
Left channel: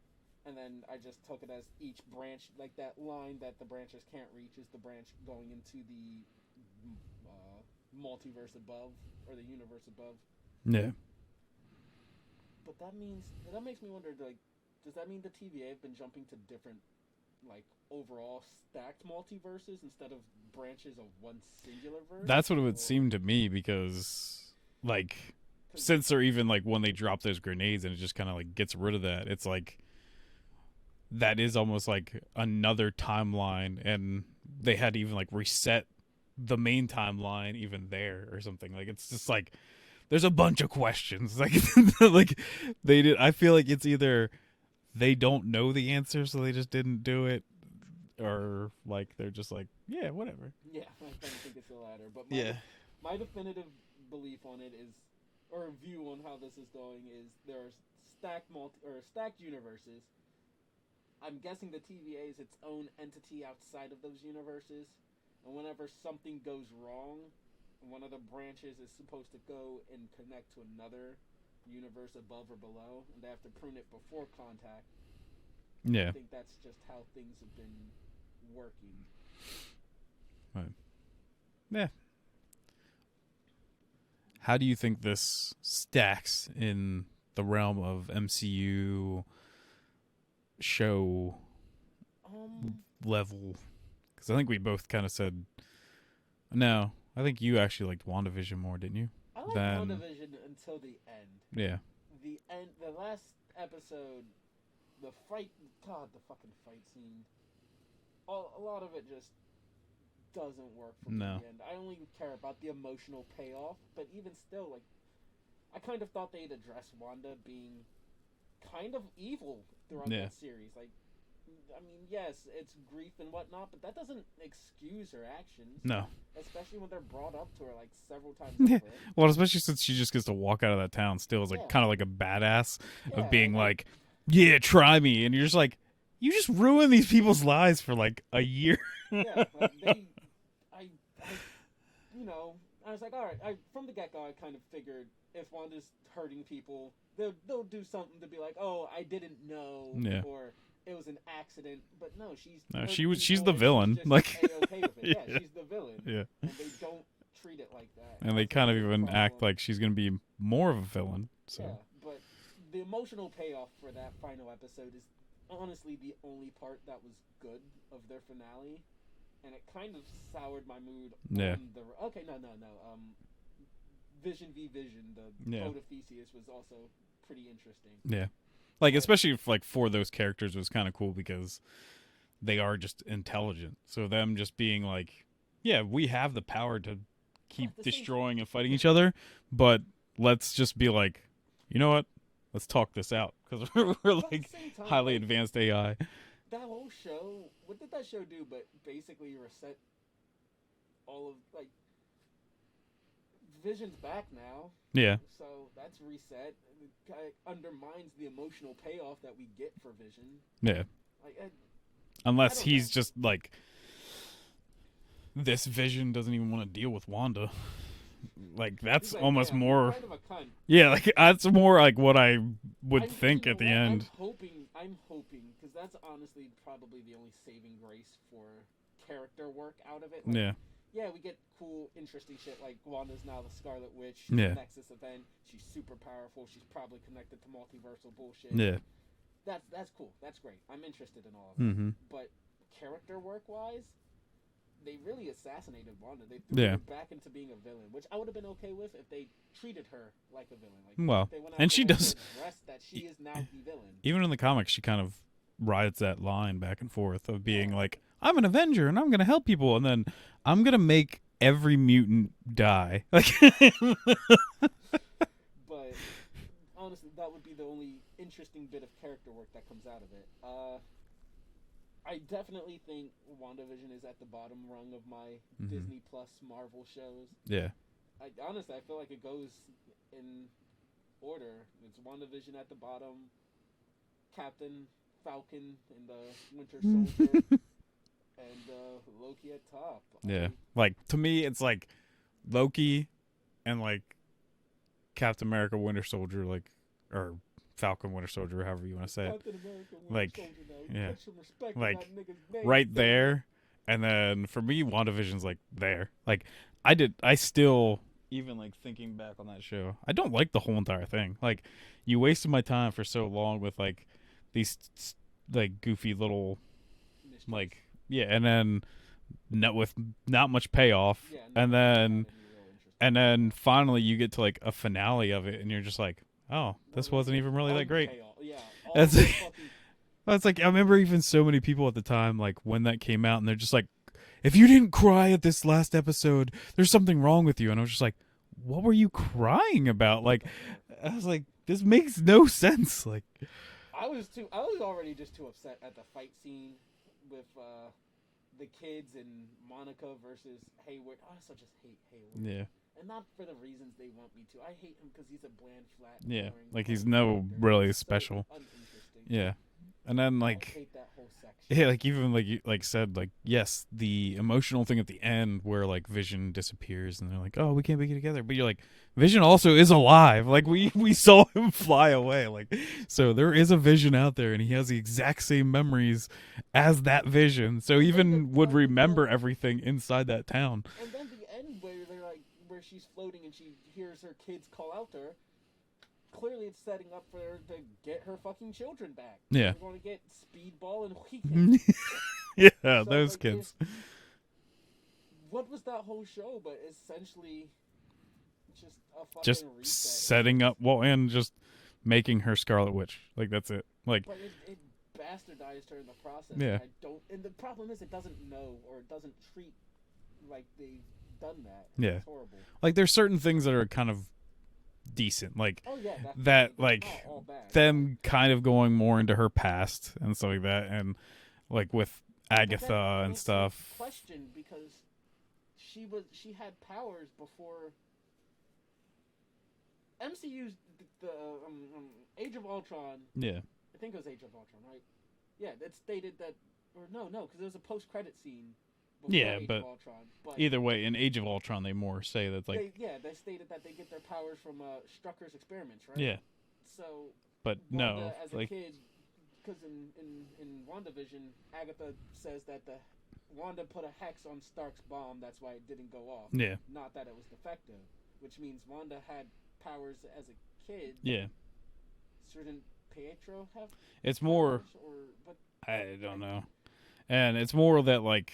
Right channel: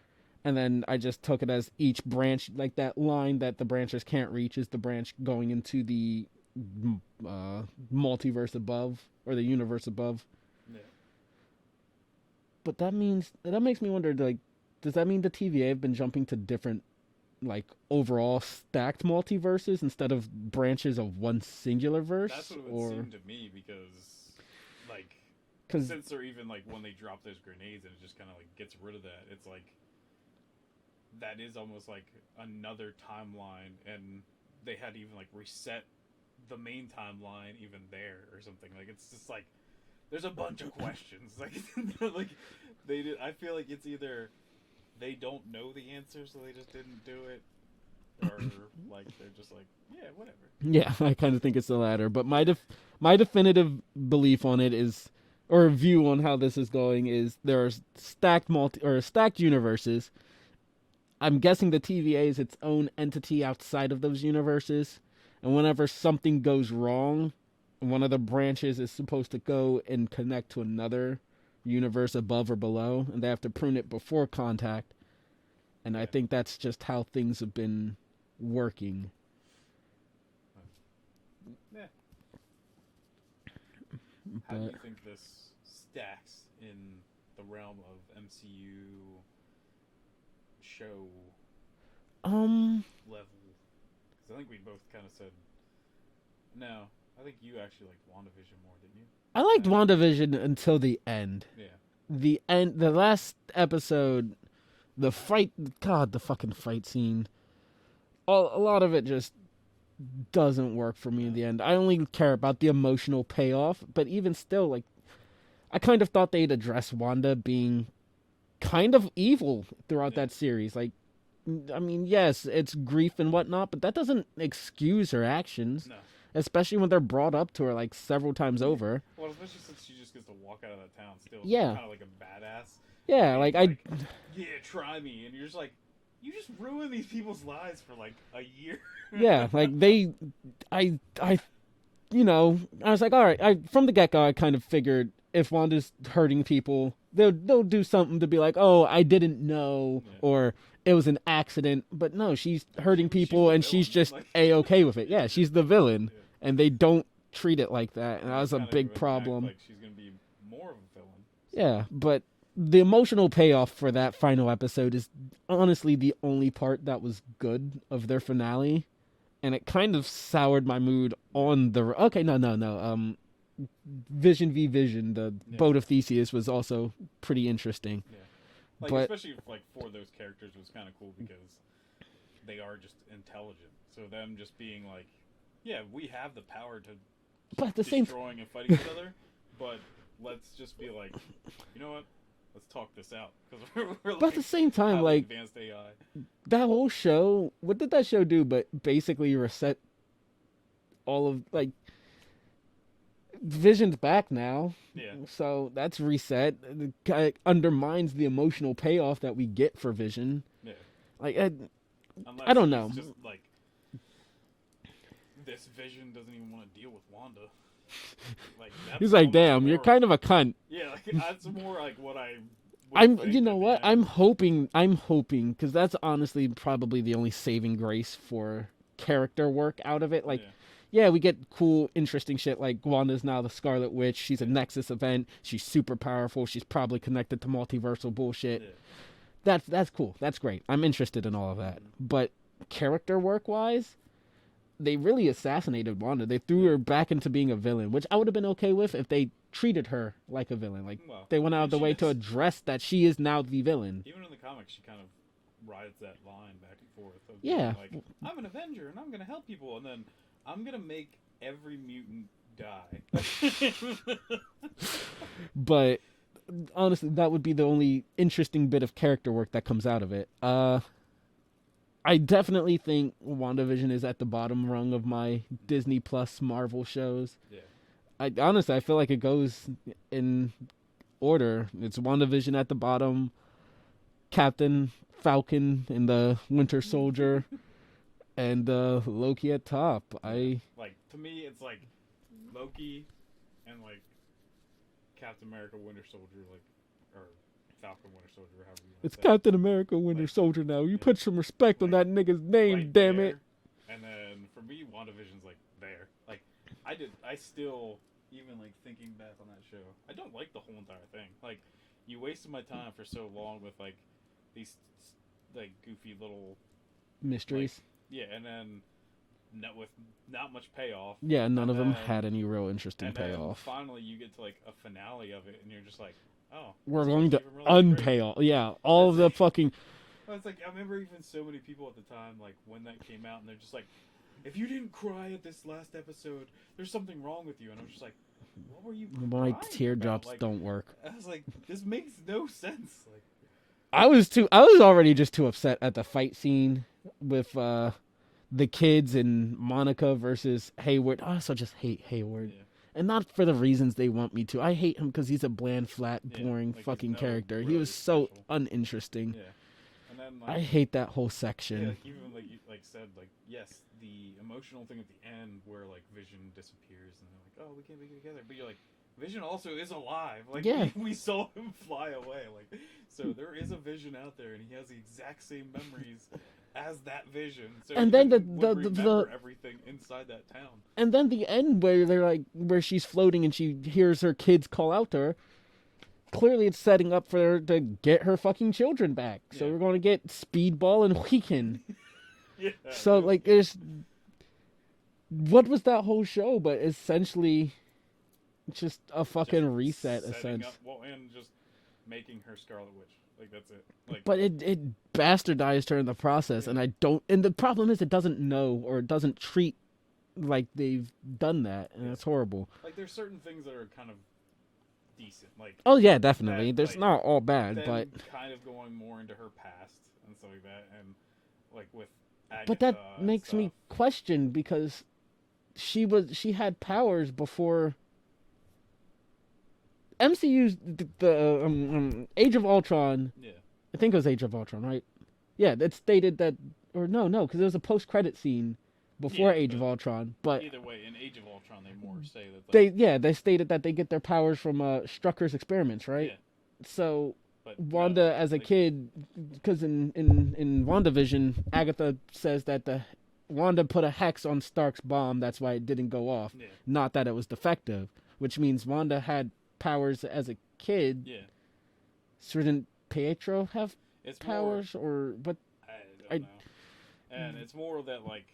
And then I just took it as each branch, like that line that the branches can't reach is the branch going into the multiverse above or the universe above. Yeah. But that makes me wonder, like, does that mean the TVA have been jumping to different, like, overall stacked multiverses instead of branches of one singular verse? That's what it would seem to me because, like, since they're even, like, when they drop those grenades and it just kind of, like, gets rid of that, it's like, that is almost like another timeline and they had to even, like, reset the main timeline even there or something. Like, it's just, like, there's a bunch of questions. Like, I feel like it's either they don't know the answer, so they just didn't do it, or like they're just like, yeah, whatever. Yeah, I kind of think it's the latter. But my definitive belief on it is or view on how this is going is there are stacked universes. I'm guessing the TVA is its own entity outside of those universes, and whenever something goes wrong, one of the branches is supposed to go and connect to another universe above or below, and they have to prune it before contact. And I think that's just how things have been working. Right. Yeah. How do you think this stacks in the realm of MCU show level? Because I think we both kind of said no. I think you actually liked WandaVision more, didn't you? I liked WandaVision until the end. Yeah. The last episode, the fucking fight scene. A lot of it just doesn't work for me in the end. I only care about the emotional payoff, but even still, like, I kind of thought they'd address Wanda being kind of evil throughout that series. Like, I mean, yes, it's grief and whatnot, but that doesn't excuse her actions. No. Especially when they're brought up to her, like, several times over. Well, especially since she just gets to walk out of that town still as, like, kind of like a badass. Yeah. Being yeah, try me. And you're just like, you just ruin these people's lives for, like, a year. Yeah, like, I was like, all right, from the get-go, I kind of figured if Wanda's hurting people, they'll do something to be like, oh, I didn't know, or it was an accident. But no, she's hurting people, and villain. she's just A-okay with it. Yeah, she's the villain, and they don't treat it like that, and that's they kind a of big even problem. act like she's going to be more of a villain. So. Yeah, but the emotional payoff for that final episode is honestly the only part that was good of their finale. And it kind of soured my mood on the... Okay, no. Vision v. Vision, the boat of Theseus, was also pretty interesting. Yeah. Like, especially for those characters, was kind of cool because they are just intelligent. So them just being like, yeah, we have the power to keep destroying and fighting each other, but let's just be like, you know what? Let's talk this out. Because we're like, at the same time, highly advanced AI. That whole show, what did that show do but basically reset all of, like, Vision's back now. Yeah. So that's reset. It undermines the emotional payoff that we get for Vision. Yeah. Like, unless he's just like, this Vision doesn't even want to deal with Wanda. Like, that's he's like, damn, more, you're kind of a cunt. Yeah, like, that's more like what I would think at the end. I'm hoping, because that's honestly probably the only saving grace for character work out of it. Like, yeah, we get cool, interesting shit like Wanda's now the Scarlet Witch. She's a Nexus event. She's super powerful. She's probably connected to multiversal bullshit. Yeah. That's cool. That's great. I'm interested in all of that. Mm-hmm. But character work-wise, they really assassinated Wanda. They threw her back into being a villain, which I would have been okay with if they treated her like a villain. Like, they went out of the way to address that she is now the villain. Even in the comics, she kind of rides that line back and forth of being like, I'm an Avenger and I'm going to help people, and then I'm going to make every mutant die. But honestly, that would be the only interesting bit of character work that comes out of it. I definitely think WandaVision is at the bottom rung of my Disney Plus Marvel shows. Yeah. I feel like it goes in order. It's WandaVision at the bottom, Captain Falcon and the Winter Soldier, and Loki at top. Yeah. Like, to me, it's like Loki and like Captain America, Winter Soldier, like, or Falcon, Winter Soldier, however you want to say. It's Captain America, Winter Soldier now. You put some respect on that nigga's name, right there. And then for me, WandaVision's like there. Like, I still, even like thinking back on that show, I don't like the whole entire thing. Like, you wasted my time for so long with like these like goofy little mysteries. Like, and then with not much payoff. Yeah, none of them had any real interesting And payoff. then finally you get to like a finale of it, and you're just like, oh, this We're wasn't even really that great. Yeah, all the fucking... It's like, I remember even so many people at the time, like, when that came out, and they're just like, if you didn't cry at this last episode, there's something wrong with you. And I was just like, what were you crying about? Like, don't work. I was like, this makes no sense. Like, I was already just too upset at the fight scene with the kids and Monica versus Hayward. I also just hate Hayward. Yeah. And not for the reasons they want me to. I hate him because he's a bland, flat, Yeah, boring like fucking he's no character. really He's special. so uninteresting. Yeah, and then I like hate that whole section. yeah, like even like you like said like yes, the emotional thing at the end where like Vision disappears and they're like, oh, we can't be together, but you're like. Vision also is alive. Like Yeah. we saw him fly away. Like so there is a Vision out there and he has the exact same memories as that Vision. So And even then would remember everything inside that town. And then the end where they're like, where she's floating and she hears her kids call out to her. Clearly, it's setting up for her to get her fucking children back. So Yeah. we're going to get Speedball and Weekend. Yeah. So those like, kids. there's what was that whole show? But essentially, just a fucking just reset. setting of up and just making her Scarlet Witch. Like that's it. Like But it bastardized her in the process, Yeah. and I don't. And the problem is, it doesn't know or it doesn't treat like they've done that. And Yeah. it's horrible. like there's certain things that are kind of decent. Like Oh yeah, definitely. That, There's like, not all bad. them kind of going more into her past and stuff like that, and like with but Agatha that and makes stuff. me question because she had powers before. MCU's the Age of Ultron. Yeah. I think it was Age of Ultron, right? Yeah, it stated that, or no, because there was a post-credit scene before Yeah, Age of but Ultron. But Either way, in Age of Ultron, they more say that like they stated that they get their powers from Strucker's experiments, right? yeah, So but Wanda, no, as a like, kid, because in WandaVision, Agatha says that Wanda put a hex on Stark's bomb. That's why it didn't go off. Yeah, Not that it was defective, which means Wanda had powers as a kid. yeah. So didn't Pietro have It's more. powers, or but I don't know, and it's more that like.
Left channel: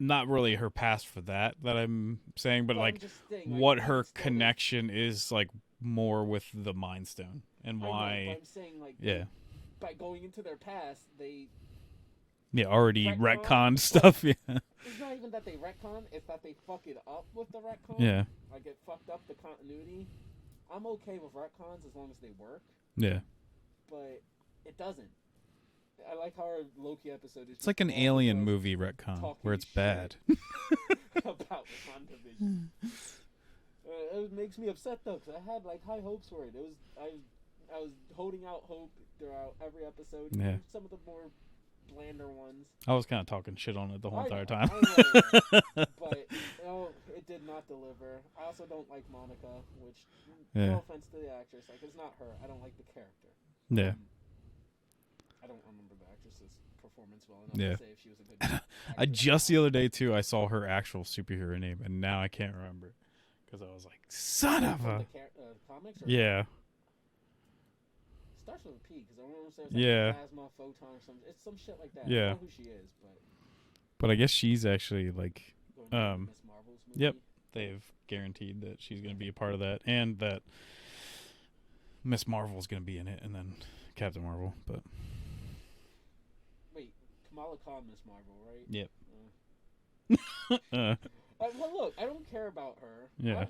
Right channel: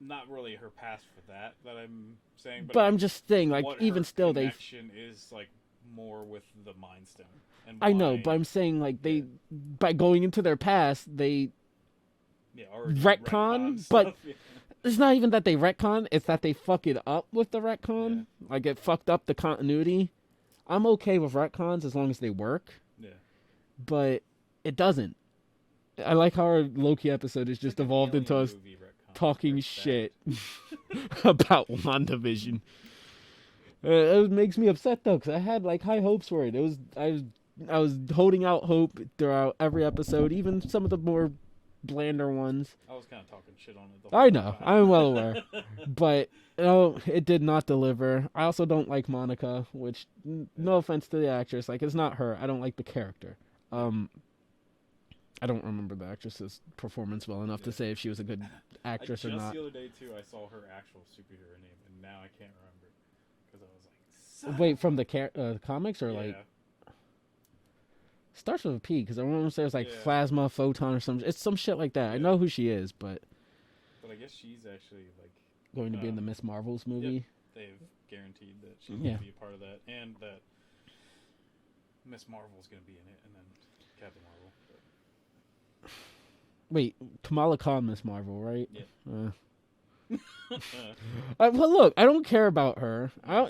Not really her past for that I'm saying, but like, I'm just saying, like, what even her still, connection is like more with the Mind Stone and why, I know, but I'm saying like Yeah. by going into their past, they already retcon, retcon but- stuff. Yeah, it's not even that they retcon; it's that they fuck it up with the retcon. Yeah. Like it fucked up the continuity. I'm okay with retcons as long as they work, yeah. but it doesn't. I like how our Loki episode is It's just like an evolved alien into us movie retcon talking where it's shit bad. about WandaVision. It makes me upset though, because I had like high hopes for it. I was holding out hope throughout every episode, even some of the more blander ones. I was kind of talking shit on it the whole I know, time. I'm well aware, but it did not deliver. I also don't like Monica, which Yeah. no offense to the actress, like it's not her. I don't like the character. Yeah. I don't remember the actress's performance well enough Yeah. to say if she was a good I actress. just or the not. other day too, I saw her actual superhero name, and now I can't remember because I was like, "Son Wait, of from a-" the comics or yeah, like, starts with a P because I want to say it's like Yeah. Plasma, Photon, or some. It's some shit like that. I Yeah. know who she is, but but I guess she's actually like going to be in the Um, Miss Marvel's movie. they've guaranteed that she's Yeah. gonna be a part of that, and that Miss Marvel's gonna be in it, and then Captain Marvel. But Wait, Kamala Khan, Miss Marvel, right? Yep. Well, look, I don't care about her. Yeah.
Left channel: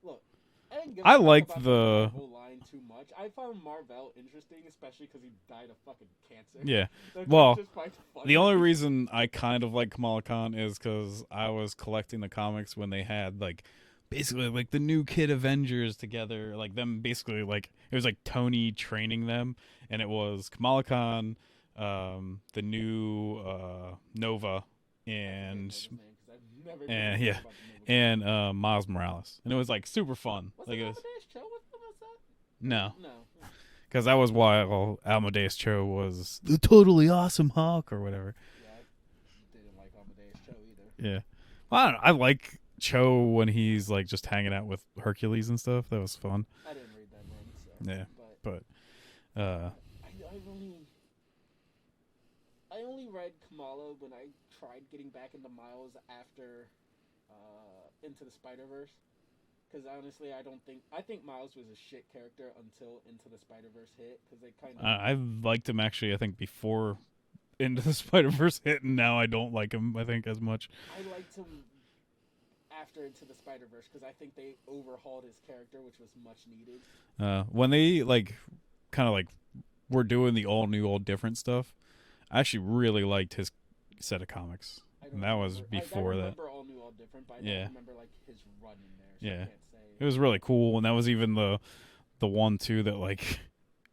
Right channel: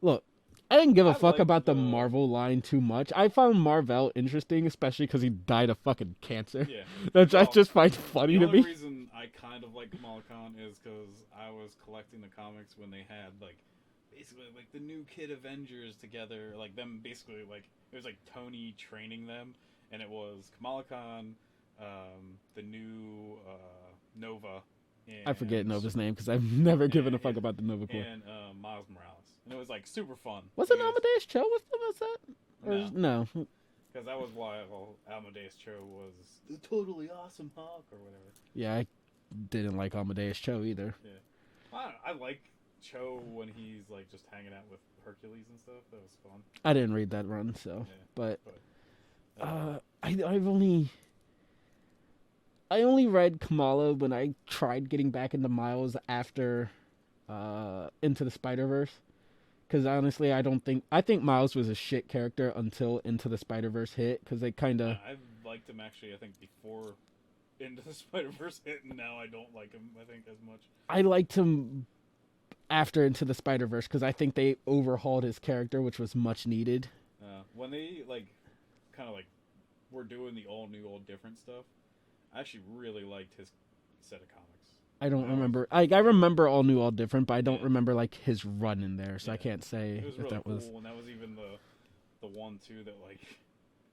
Look, I didn't give a I fuck like about the the- Marvel line too much. I found Marvel interesting, especially because he died of fucking cancer. yeah, Which I Well, just find funny. the to only me. reason I kind of like Kamala Khan is because I was collecting the comics when they had like basically like the new Kid Avengers together, like them basically like it was like Tony training them, and it was Kamala Khan, the new Nova, and I forget Nova's name because I've never given a fuck yeah. about the Nova. and Miles Morales, and it was like super fun. Was Like, it Amadeus Cho with them? Is that? No. No. Because that was why Amadeus Cho was the totally awesome Hulk or whatever. Yeah, I didn't like Amadeus Cho either. Yeah. Well, I don't know. I like Cho when he's like just hanging out with Hercules and stuff. That was fun. I didn't read that run, so. Yeah. But Uh, I've only read Kamala when I tried getting back into Miles after Into the Spider-Verse. Because honestly, I think Miles was a shit character until Into the Spider-Verse hit. Because they kind of... I liked him actually, I think, before Into the Spider-Verse hit, and now I don't like him, I think, as much. I liked him after Into the Spider-Verse because I think they overhauled his character, which was much needed. When they, like, kind of, like, were doing the all-new, all-different stuff, I actually really liked his set of comics. I don't That was remember. I before that. remember All New, All Different, but I don't Yeah. remember like his run in there, so I Yeah. can't say. It was what really that cool, and that was even the one too that like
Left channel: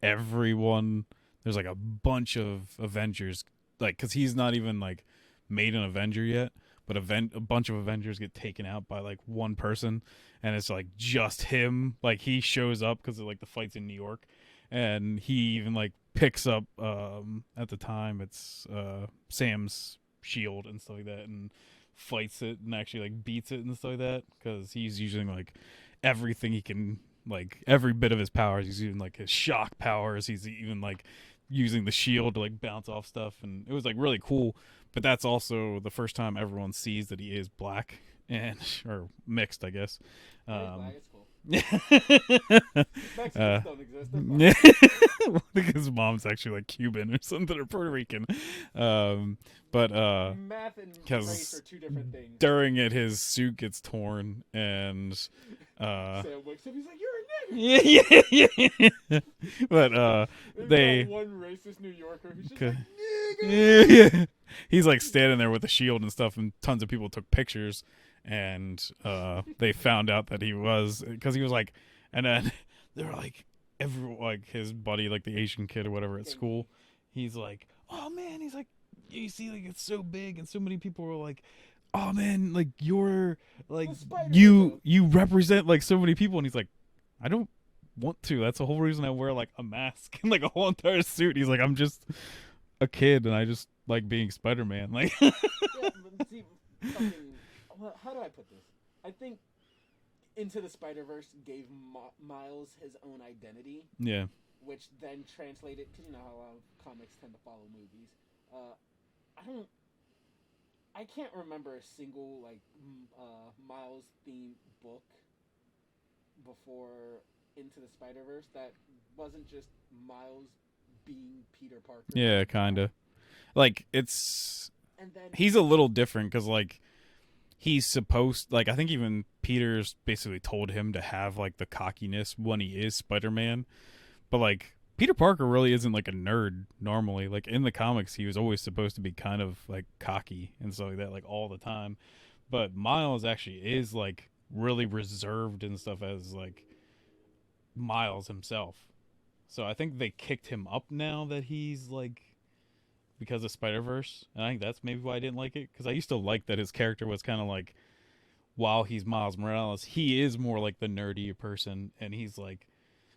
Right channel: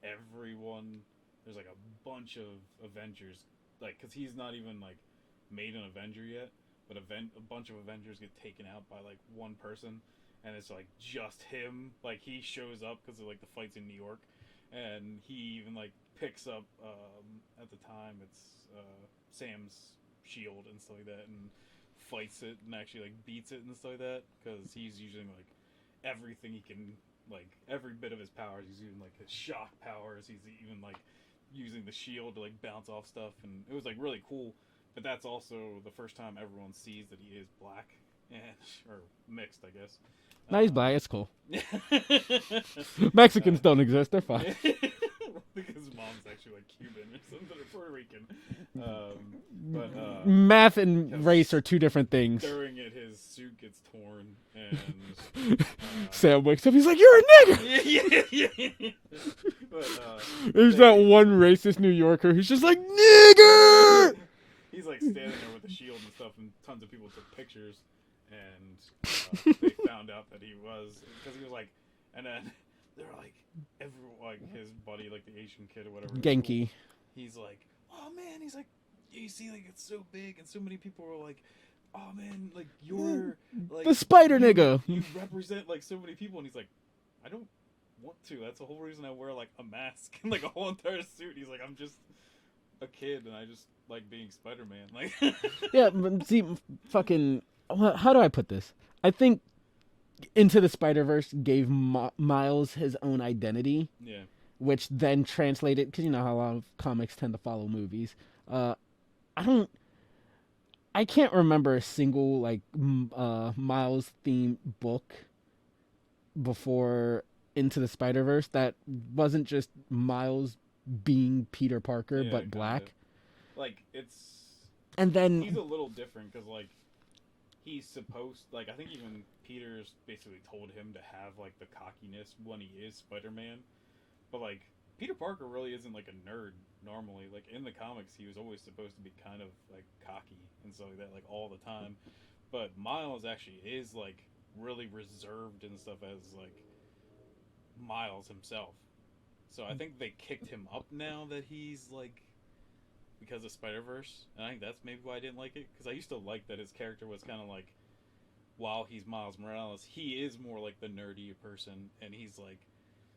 everyone. There's like a bunch of Avengers, like because he's not even like made an Avenger yet, but a bunch of Avengers get taken out by like one person, and it's like just him. Like he shows up because of like the fights in New York, and he even like picks up at the time it's Sam's shield and stuff like that, and fights it and actually like beats it and stuff like that because he's using like everything he can, like every bit of his powers. He's using like his shock powers. He's even like using the shield to like bounce off stuff, and it was like really cool. But that's also the first time everyone sees that he is black and or mixed, I guess. No, he's black. It's cool. Mexicans don't exist. They're fine. I think his mom's actually like Cuban or something, or Puerto Rican. But Math and 'cause race are two different things. during it, his suit gets torn, and Sam wakes up. He's like, "You're a nigger." yeah. But There's they- that one racist New Yorker who's just like, "Nigger." he's like standing there with a shield and stuff, and tons of people took pictures, and they found out that he was, because he was like, and then they were like, like his buddy, like the Asian kid or whatever at school, Genki. he's like, oh man, he's like, you see, like it's so big, and so many people were like, oh man, like you're like The spider you, nigga. you represent like so many people, and he's like, I don't want to. That's the whole reason I wear like a mask and like a whole entire suit. He's like, I'm just a kid, and I just like being Spider-Man. Like, Yeah, but see, fucking. How do I put this? I think Into the Spider-Verse gave Miles his own identity, yeah, which then translated, because you know how a lot of comics tend to follow movies. I can't remember a single like Miles themed book before Into the Spider-Verse that wasn't just Miles being Peter Parker. yeah, but kind black. of. Like it's And then he's a little different because like he's supposed, like I think even Peter's basically told him to have like the cockiness when he is Spider-Man, but like Peter Parker really isn't like a nerd normally. Like in the comics, he was always supposed to be kind of like cocky and stuff like that, like all the time. But Miles actually is like really reserved and stuff as like Miles himself. So I think they kicked him up now that he's like, because of Spider-Verse. And I think that's maybe why I didn't like it, because I used to like that his character was kind of like, while he's Miles Morales, he is more like the nerdy person, and he's like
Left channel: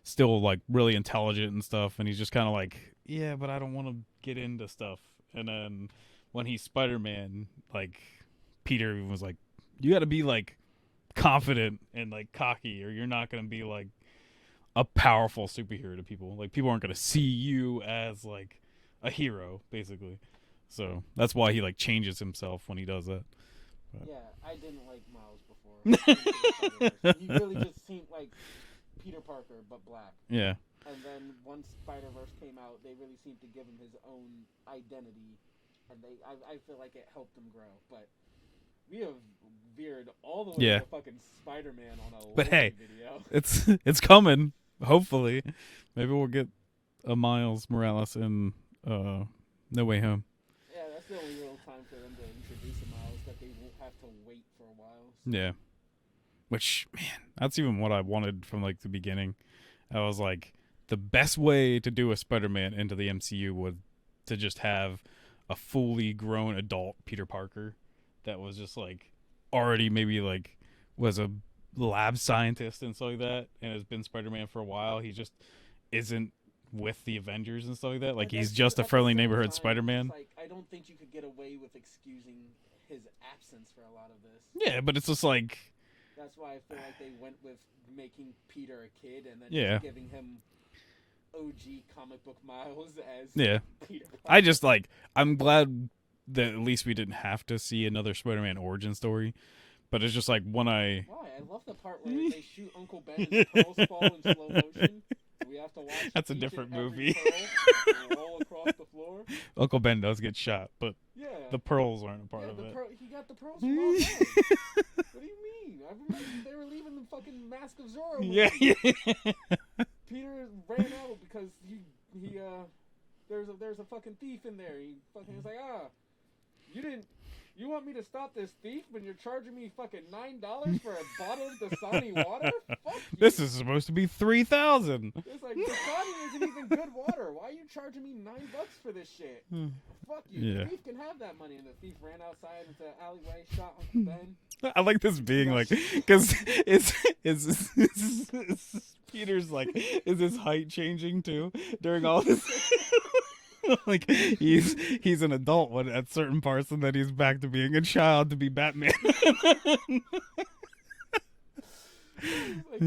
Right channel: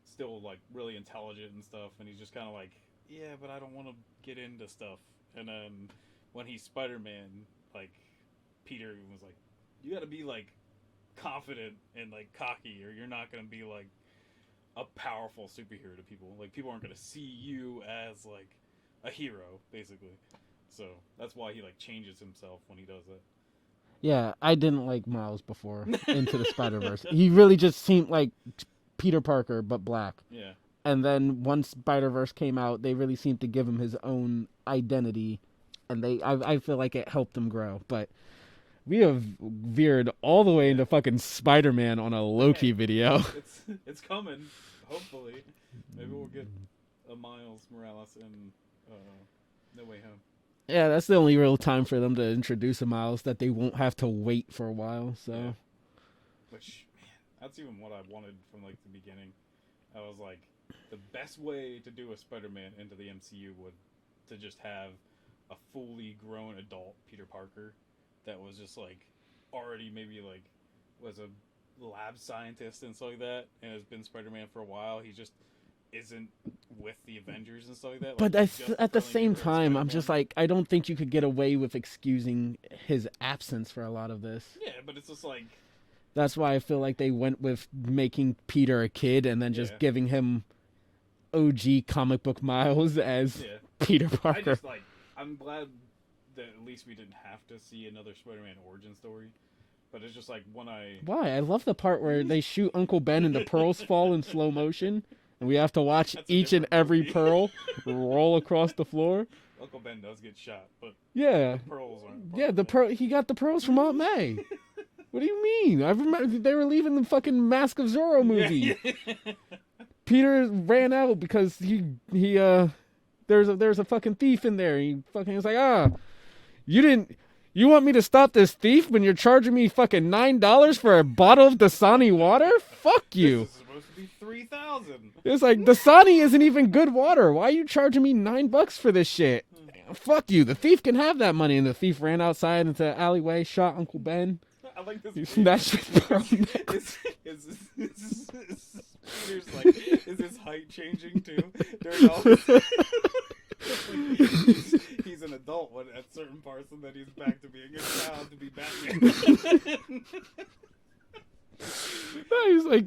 still like really intelligent and stuff, and he's just kind of like, yeah, but I don't want to get into stuff. And then when he's Spider-Man, like Peter was like, you got to be like confident and like cocky, or you're not going to be like a powerful superhero to people. Like people aren't going to see you as like a hero, basically. So that's why he like changes himself when he does that. yeah, I didn't like Miles before Into the Spider-Verse. He really just seemed like Peter Parker but black. Yeah. And then once Spider-Verse came out, they really seemed to give him his own identity, and I feel like it helped him grow. But we have veered all the way Yeah. into fucking Spider-Man on a Loki hey. video. It's coming. Hopefully, maybe we'll get a Miles Morales in No Way Home. Yeah, that's the only real time for them to introduce a Miles that they won't have to wait for a while. So. Yeah. Which, man, that's even what I wanted from like the beginning. I was like, the best way to do a Spider-Man into the MCU was to just have a fully grown adult Peter Parker that was just like already maybe like was a lab scientist and stuff like that, and has been Spider-Man for a while. He just isn't with the Avengers and stuff like that. Like But he's just a at the friendly same neighborhood time, Spider-Man. I'm just like, I don't think you could get away with excusing his absence for a lot of this. Yeah, but it's just like, That's why I feel like they went with making Peter a kid and then just Yeah. giving him OG comic book Miles as yeah. Peter Parker. I just like, I'm glad that at least we didn't have to see another Spider-Man origin story. But it's just like when I Why? I love the part where they shoot Uncle Ben and the pearls fall in slow motion. And we have to watch That's a each and different every movie. pearl roll across the floor. Uncle Ben does get shot, but Yeah. the pearls aren't a part Yeah, of the it. pearl. He got the pearls from Aunt May. What do you mean? I remember they were leaving the fucking Mask of Zorro movie. Peter ran out because there's a fucking thief in there. He fucking was like, you didn't You want me to stop this thief when you're charging me fucking $9 for a bottle of Dasani water? Fuck you. This is supposed to be 3,000. It's like, Dasani isn't even good water. Why are you charging me $9 for this shit? Fuck you. The thief can have that money. And the thief ran outside into the alleyway, shot Uncle Ben. I like this being like, because it's Peter's like, is his height changing too during all this? Like he's an adult when at certain parts, and then he's back to being a child to be Batman. He's like,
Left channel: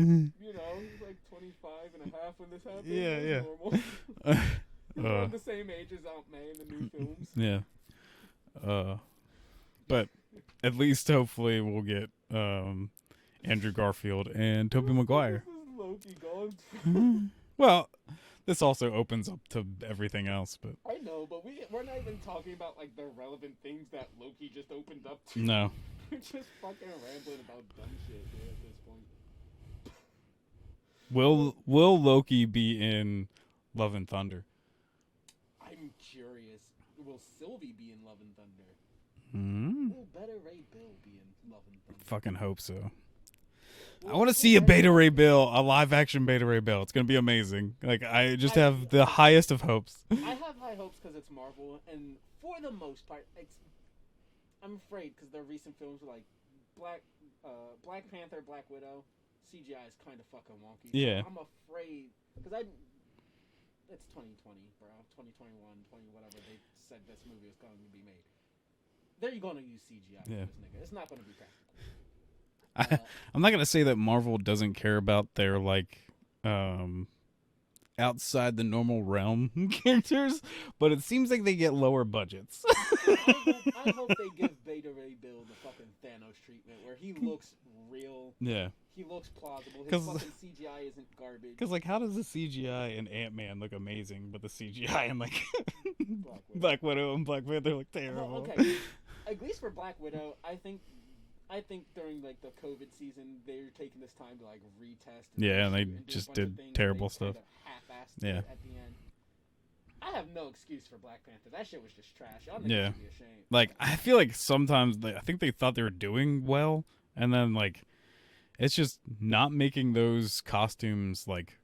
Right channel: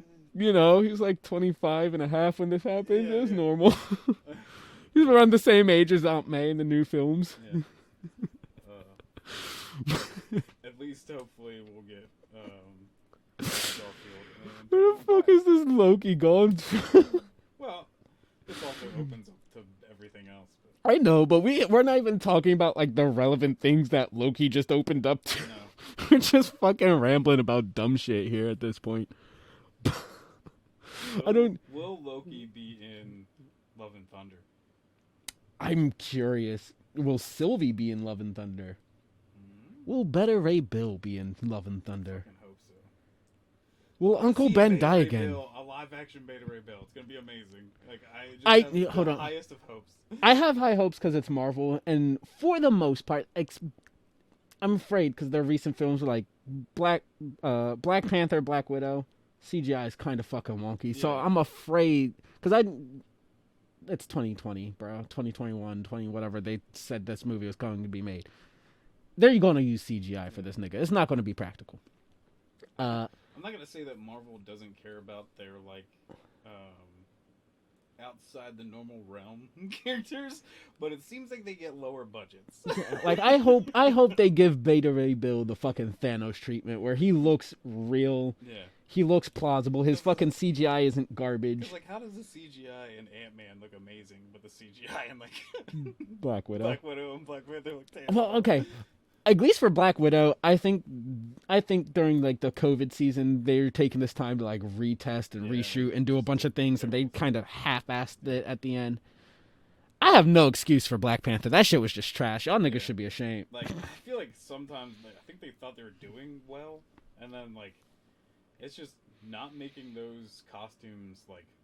he's like 25 and a half when this happened. Yeah, It's yeah. normal. He's around the same age as Aunt May in the new films. Yeah. But at least hopefully we'll get Andrew Garfield and Tobey Where the fuck Maguire. is this Loki gone to? Well, this also opens up to everything else, but I know, but we're not even talking about like the relevant things that Loki just opened up to. no. We're just fucking rambling about dumb shit here at this point. Will Loki be in Love and Thunder? I'm curious. Will Sylvie be in Love and Thunder? Mm-hmm. Will Beta Ray Bill be in Love and Thunder? Fucking hope so. Will I want to Uncle see a Ben Beta die Ray again? Bill, a live action Beta Ray Bill. It's gonna be amazing. Like I just have the hold on. highest of hopes. I have high hopes because it's Marvel, and for the most part, I'm afraid because their recent films were like Black Panther, Black Widow. CGI is kind of fucking wonky, so Yeah. I'm afraid because it's 2020, bro, 2021, 20 whatever they said this movie was going to be made. They're going to use CGI for this nigga. It's not going to be practical. I'm not gonna say that Marvel doesn't care about their like outside the normal realm characters, but it seems like they get lower budgets. Like I hope they give Beta Ray Bill the fucking Thanos treatment where he looks real. Yeah. He looks plausible. His 'Cause- fucking CGI isn't garbage. Because like, how does the CGI in Ant-Man look amazing, but the CGI in like Black Widow. Black Widow and Black Panther look terrible? Well, okay. At least for Black Widow, I think during like the COVID season, they're taking this time to like retest and Yeah, and reshoot they and do a just bunch did of things, and they terrible stuff. kind of half-assed it Yeah. at the end. I have no excuse for Black Panther. That shit was just trash. Y'all niggas Yeah. should be ashamed. Like, I feel like sometimes I think they thought they were doing well, and then like it's just not making those costumes like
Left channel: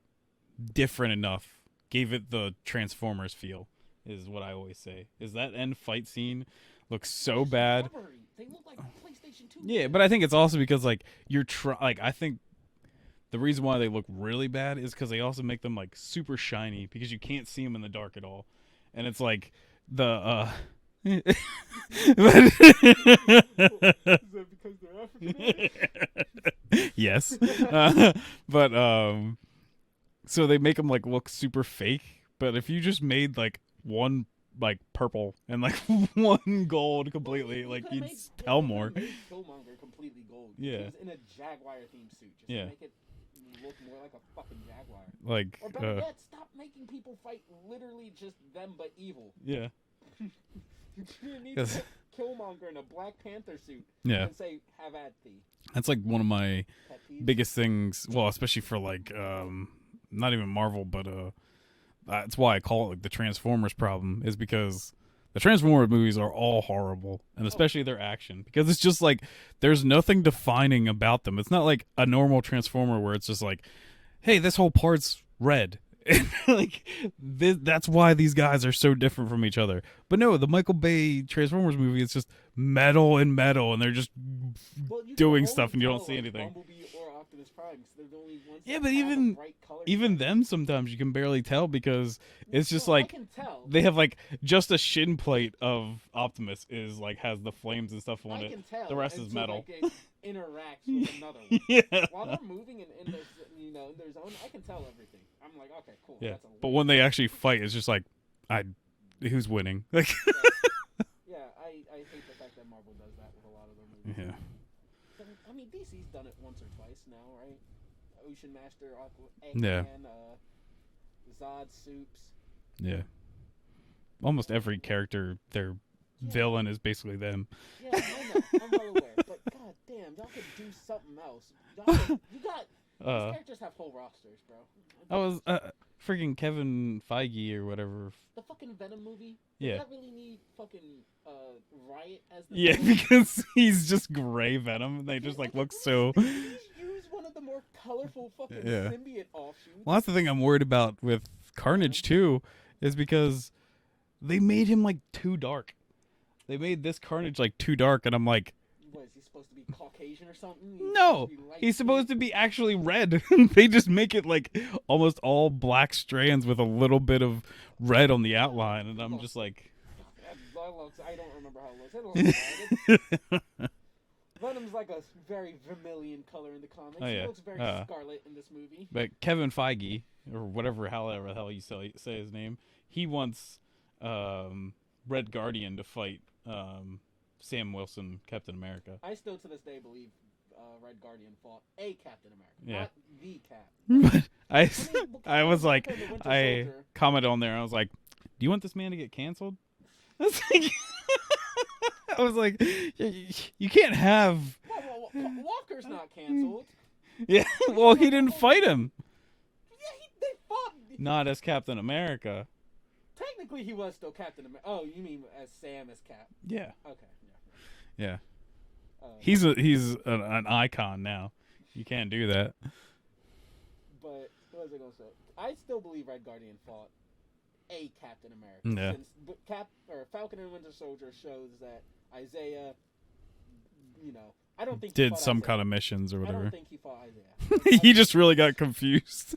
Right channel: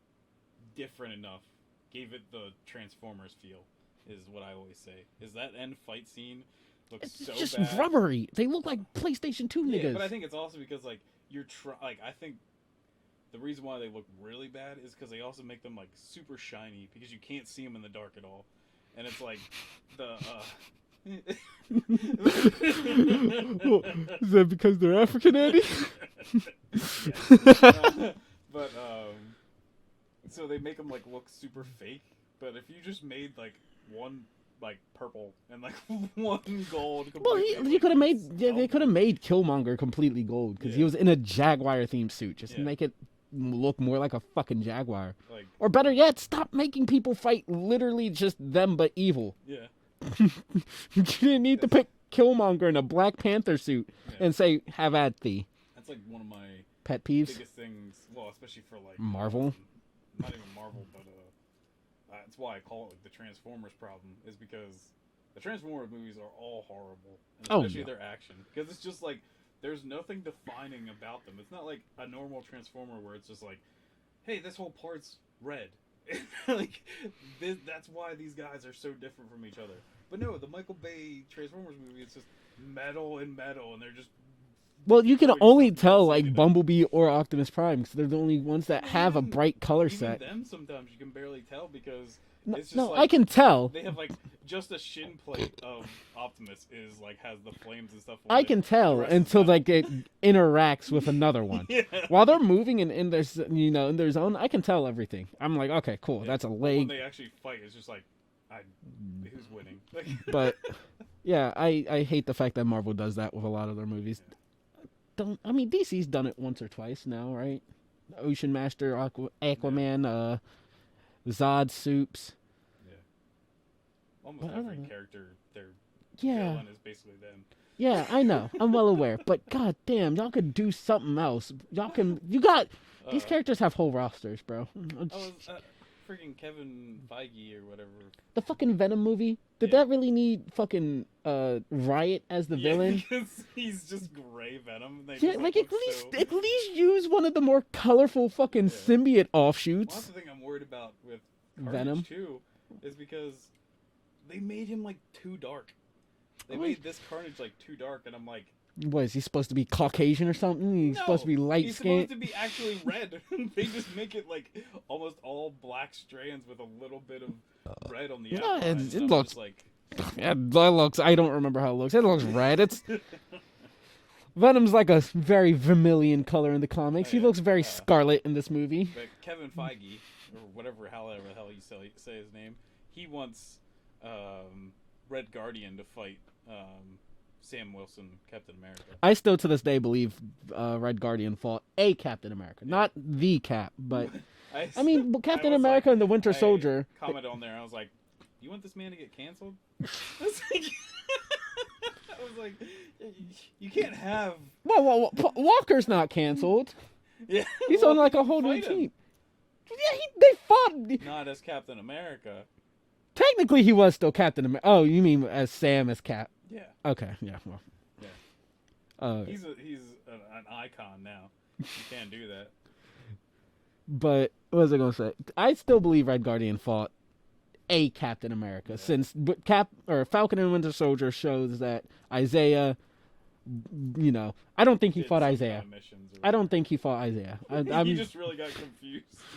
different enough. Gave it the Transformers feel, is what I always say. Is that end fight scene looks so just bad? rubbery. They look like PlayStation 2 Yeah, niggas. but I think it's also because like I think the reason why they look really bad is because they also make them like super shiny because you can't see them in the dark at all, and it's like the Is that because they're African, Andy? yes, but so they make them like look super fake. But if you just made like one like purple and like one gold Well, completely, he like, could have you'd made. sell They could have more. made Killmonger completely gold because he Yeah. was in a Jaguar themed suit. Just Yeah. make it look more like a fucking Jaguar. like, Or better yet, stop making people fight literally just them but evil. yeah, You didn't need to Yes. pick Killmonger in a Black Panther suit yeah. and say, "Have at thee." That's like one of my Pet peeves. biggest things. Well, especially for like Marvel? not even Marvel, but that's why I call it like the Transformers problem, is because the Transformers movies are all horrible, and especially yeah. their action, because it's just like there's nothing defining about them. It's not like a normal Transformer where it's just like, hey, this whole part's red. Like that's why these guys are so different from each other. But no, the Michael Bay Transformers movie is just metal, and they're just Well, you can doing only stuff and you don't tell see like anything. Bumblebee or Optimus Prime because they're the only ones Yeah, that but have even- a bright color even set. them sometimes you can barely tell because it's just No, like I can tell. they have like just a shin plate of Optimus is like has the flames and stuff on I it. can The tell rest is until metal. like it interacts with another one. Yeah. While they're moving in their in their zone, I can tell everything. I'm like, okay, cool, Yeah. that's a But leg. when they actually fight, it's just like who's winning? Like But yeah, I hate the fact that Marvel does that with a lot of their movies. yeah. DC's done it once or twice now, right? Ocean Master, Aquaman, Zod Soups. Yeah. Almost every Oh. character, their Yeah. villain is basically them. Yeah, I know. I'm well aware. But god damn, y'all could do something else. You got These characters have whole rosters, bro. I was freaking Kevin Feige or whatever. The fucking Venom movie. Did that really need fucking Riot as the villain? Yeah, because he's just gray Venom. And they just like look so. At least use one of the more colorful fucking symbiote offshoots. Well, that's the thing I'm worried about with Carnage too, is because they made him like too dark. They made this Carnage like too dark, and I'm like, what, is he supposed to be Caucasian or something? He's no, supposed to be light. He's supposed to be actually red. They just make it like almost all black strands with a little bit of red on the outline. It looks just like, it looks. I don't remember how it looks. It looks red. It's Venom's like a very vermilion color in the comics. He looks very scarlet in this movie. But Kevin Feige, or whatever, however the hell you say his name, he wants Red Guardian to fight Sam Wilson, Captain America. I still to this day believe Red Guardian fought a Captain America, not the Cap. But I mean, Captain America and the Winter Soldier. I commented on there. I was like, "Do you want this man to get canceled?" I was like, "You can't have." Well, Walker's not canceled. Yeah, well, he didn't fight him. Yeah, they fought. Not as Captain America. Technically, he was still Captain America. Oh, you mean as Sam as Cap? Yeah. Okay. Yeah. Well. Yeah. He's an icon now. You can't do that. But what was I gonna say? I still believe Red Guardian fought a Captain America since Falcon and Winter Soldier shows that Isaiah. I don't think he fought some Isaiah. kind of missions or whatever. I don't think he fought Isaiah. He just really got confused.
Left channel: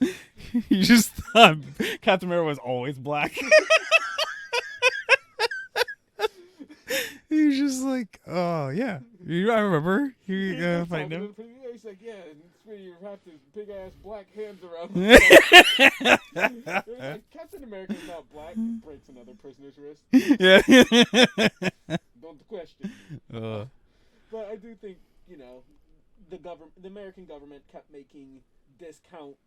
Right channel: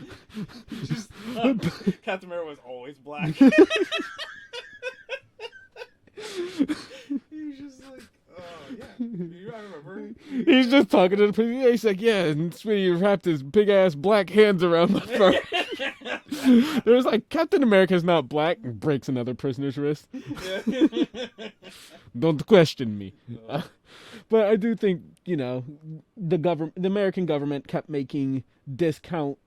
He just thought Captain America was always black. He's just like, oh yeah, I remember. He's just talking to the people. He's like, yeah, and Smitty wrapped his big ass black hands around the There's like, Captain America's not black, and breaks another prisoner's wrist. Yeah. Don't question me. But I do think, the American government kept making discount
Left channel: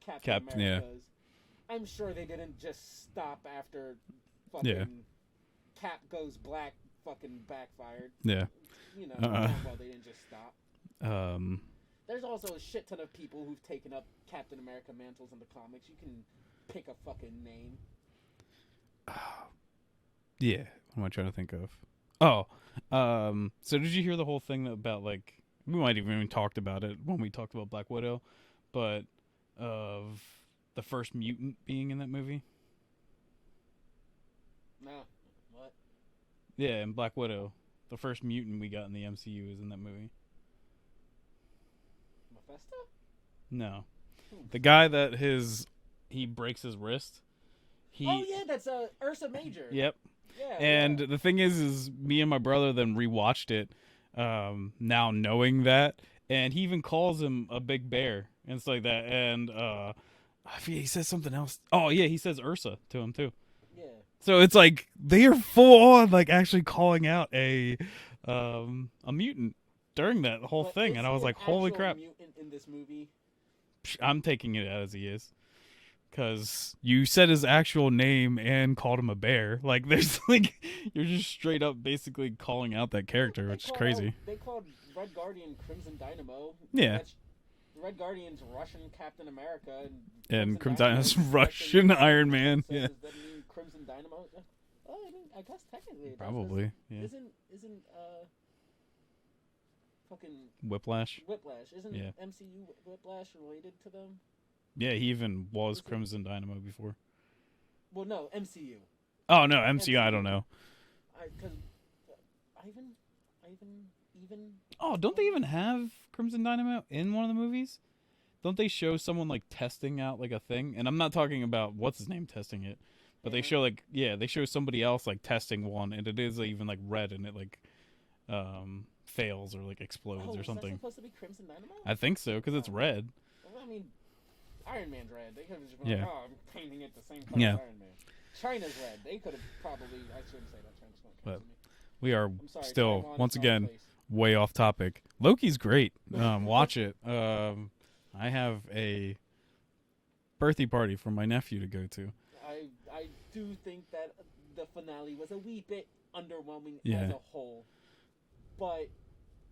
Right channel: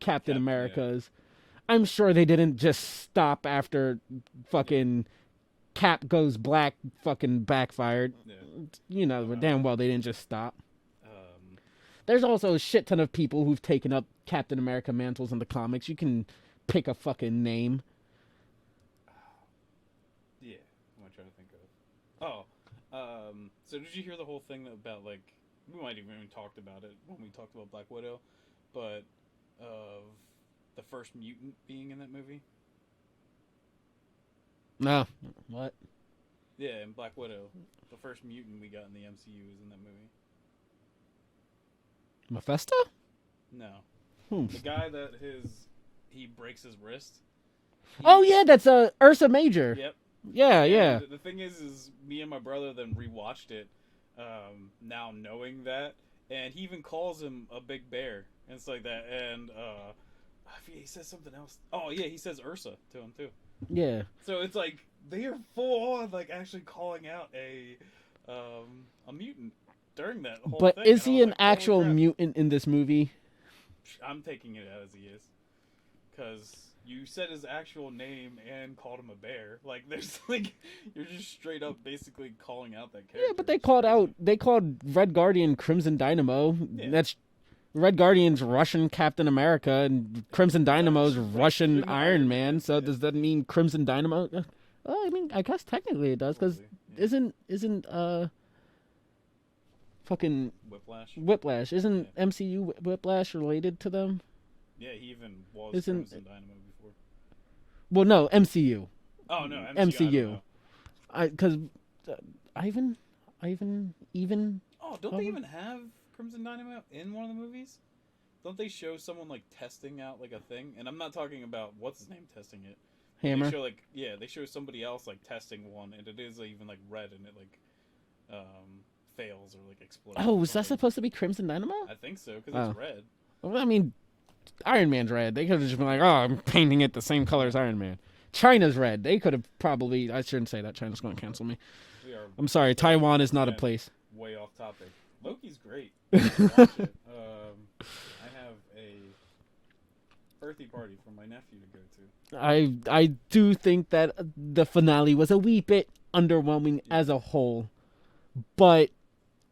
Captain Americas. Yeah. I'm sure they didn't just stop after fucking Cap goes black, fucking backfired. Yeah. Damn well they didn't just stop. There's also a shit ton of people who've taken up Captain America mantles in the comics. You can pick a fucking name. Yeah. What am I trying to think of? Oh. So did you hear the whole thing about, like, we might have even talked about it when we talked about Black Widow, but of the first mutant being in that movie? No. What? Yeah, in Black Widow, the first mutant we got in the MCU is in that movie. Mephisto? No. The guy that he breaks his wrist. Oh yeah, that's Ursa Major. Yep. Yeah, and the thing is me and my brother then rewatched it, now knowing that, and he even calls him a big bear and stuff like that, and I forget, he says something else. Oh yeah, he says Ursa to him too. Yeah. So it's like they are full on like actually calling out a mutant during that whole thing. But is he an like, actual mutant in this movie? I'm taking it as he is. Because you said his actual name and called him a bear. Like, there's like, you're just straight up basically calling out that character. Yeah, but they called Red Guardian Crimson Dynamo. Yeah. That's Red Guardian's Russian Captain America, and Crimson Dynamo's Russian Iron Man. So does that mean Crimson Dynamo? Well, I mean, I guess technically it does. Because isn't fucking Whiplash? Isn't MCU Whiplash related to them? Yeah, he even was Crimson Dynamo before. Well, no, MCU. Oh, no, MCU. I don't know. Because Ivan. Oh, don't they even have Crimson Dynamo in one of the movies? Don't they show someone, like, testing out, like, a thing? And I'm not talking about, what's his name testing it. But they show, like, they show somebody else, like, testing one, and it is, like, even, like, red, and it, like, fails or, like, explodes. Oh, was that supposed to be Crimson Dynamo? I think so, because it's red. Well, I mean, Iron Man's red. They could have just been like, oh, I'm painting it the same color as Iron Man. China's red. They could have probably... I shouldn't say that. China's going to cancel me. I'm sorry. Taiwan is not a place. Way off topic. Loki's great. Watch it. I have a birthday party for my nephew to go to. I do think that the finale was a wee bit underwhelming as a whole. But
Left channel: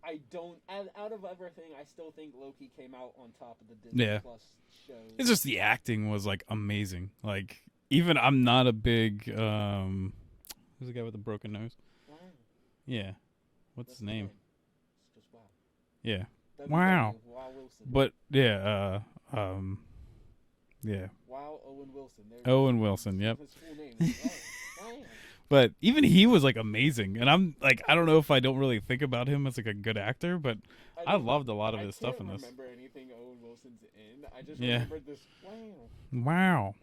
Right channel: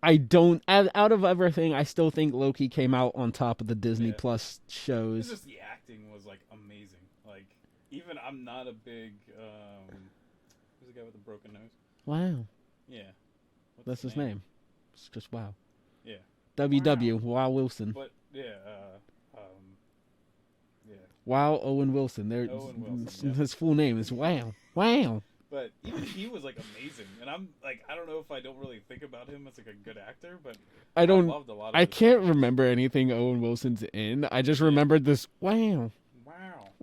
I don't. Out of everything, I still think Loki came out on top of the Disney Yeah. Plus shows. It's just the acting was like amazing. Like even I'm not a big who's the guy with the broken nose? Wow, Yeah. What's that's his name? It's just wow. Yeah. WW Wow Wilson. But yeah, yeah. Wow Owen Wilson. There. Owen Wilson, yep. His full name is Wow. Wow. But even he was like amazing. And I'm like I don't know if I don't really think about him as like a good actor, but I loved a lot of I his can't stuff in this. remember anything Owen Wilson's in. I just Yeah. remembered this wow. Wow.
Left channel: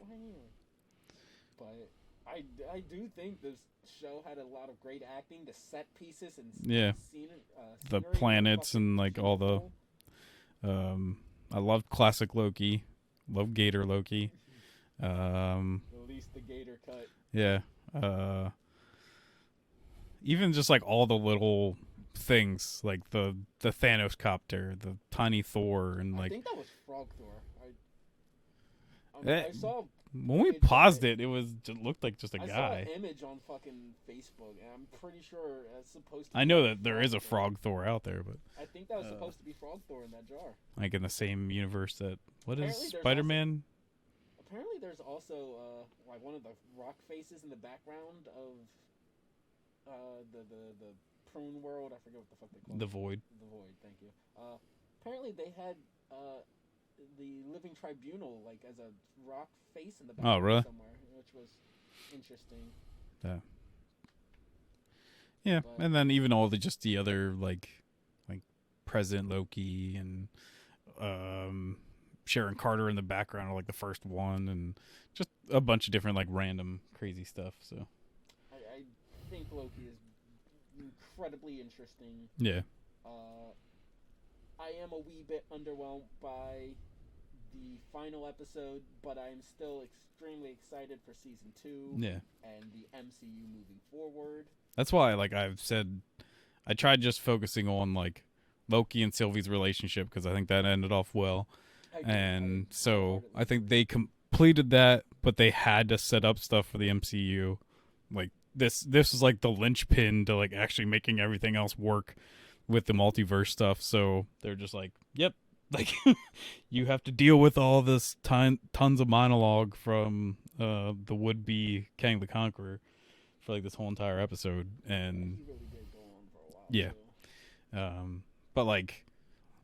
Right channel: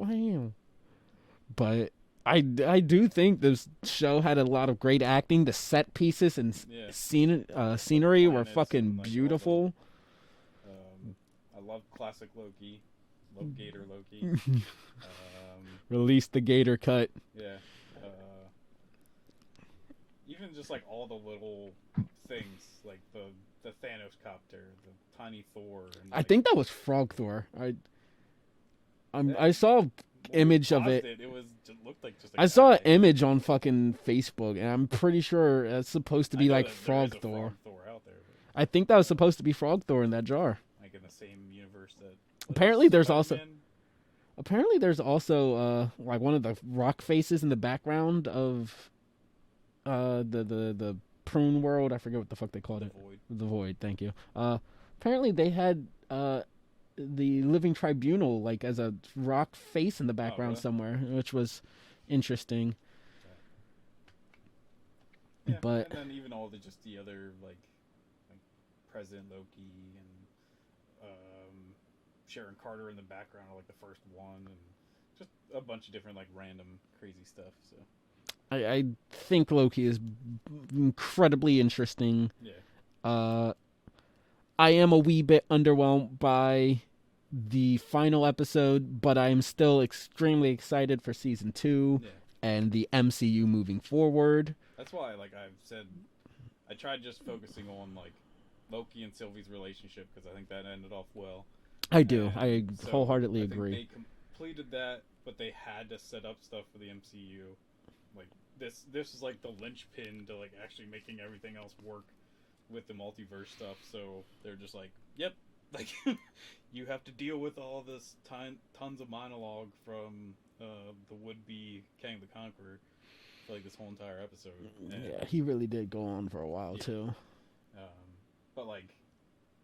But I do think this show had a lot of great acting. The set pieces and Yeah. scenery were planets fucking and, like, beautiful. I loved classic Loki. Love Gator Loki. Release the Gator cut. Yeah. Even just like all the little things, like the Thanos copter, the tiny Thor, and like, I think that was Frog Thor. That- I saw when image we of paused it. it was just looked like just a I guy. saw an image on fucking Facebook, and I'm pretty sure it's supposed to be I know like that there is a Thor. Frog Thor out there, but I think that was supposed to be Frog Thor in that jar. like in the same universe that Apparently there's Spider-Man? Apparently, there's also like one of the rock faces in the background of the prune world. I forget what the fuck they call The it. Void. The Void. Thank you. Apparently they had the Living Tribunal like as a rock face in the background really? somewhere, which was interesting. Yeah, But- and then even all the other like President Loki and Sharon Carter in the background are like the first one, and just a bunch of different like random crazy stuff. So I think Loki is incredibly interesting. yeah, I am a wee bit underwhelmed by the final episode, but I am still extremely excited for season 2 yeah. and the MCU moving forward. That's why like I've said, I tried just focusing on like Loki and Sylvie's relationship because I think that ended off well. I do. And I so wholeheartedly I think agree. they completed that, but they had to set up stuff for the MCU. Like this is like the linchpin to like actually making everything else work with the multiverse stuff. So they're just like, yep, like you have to deal with all this tons of monologue from the would-be Kang the Conqueror for like this whole entire episode. And yeah, he really did go on for a while Yeah. too. but like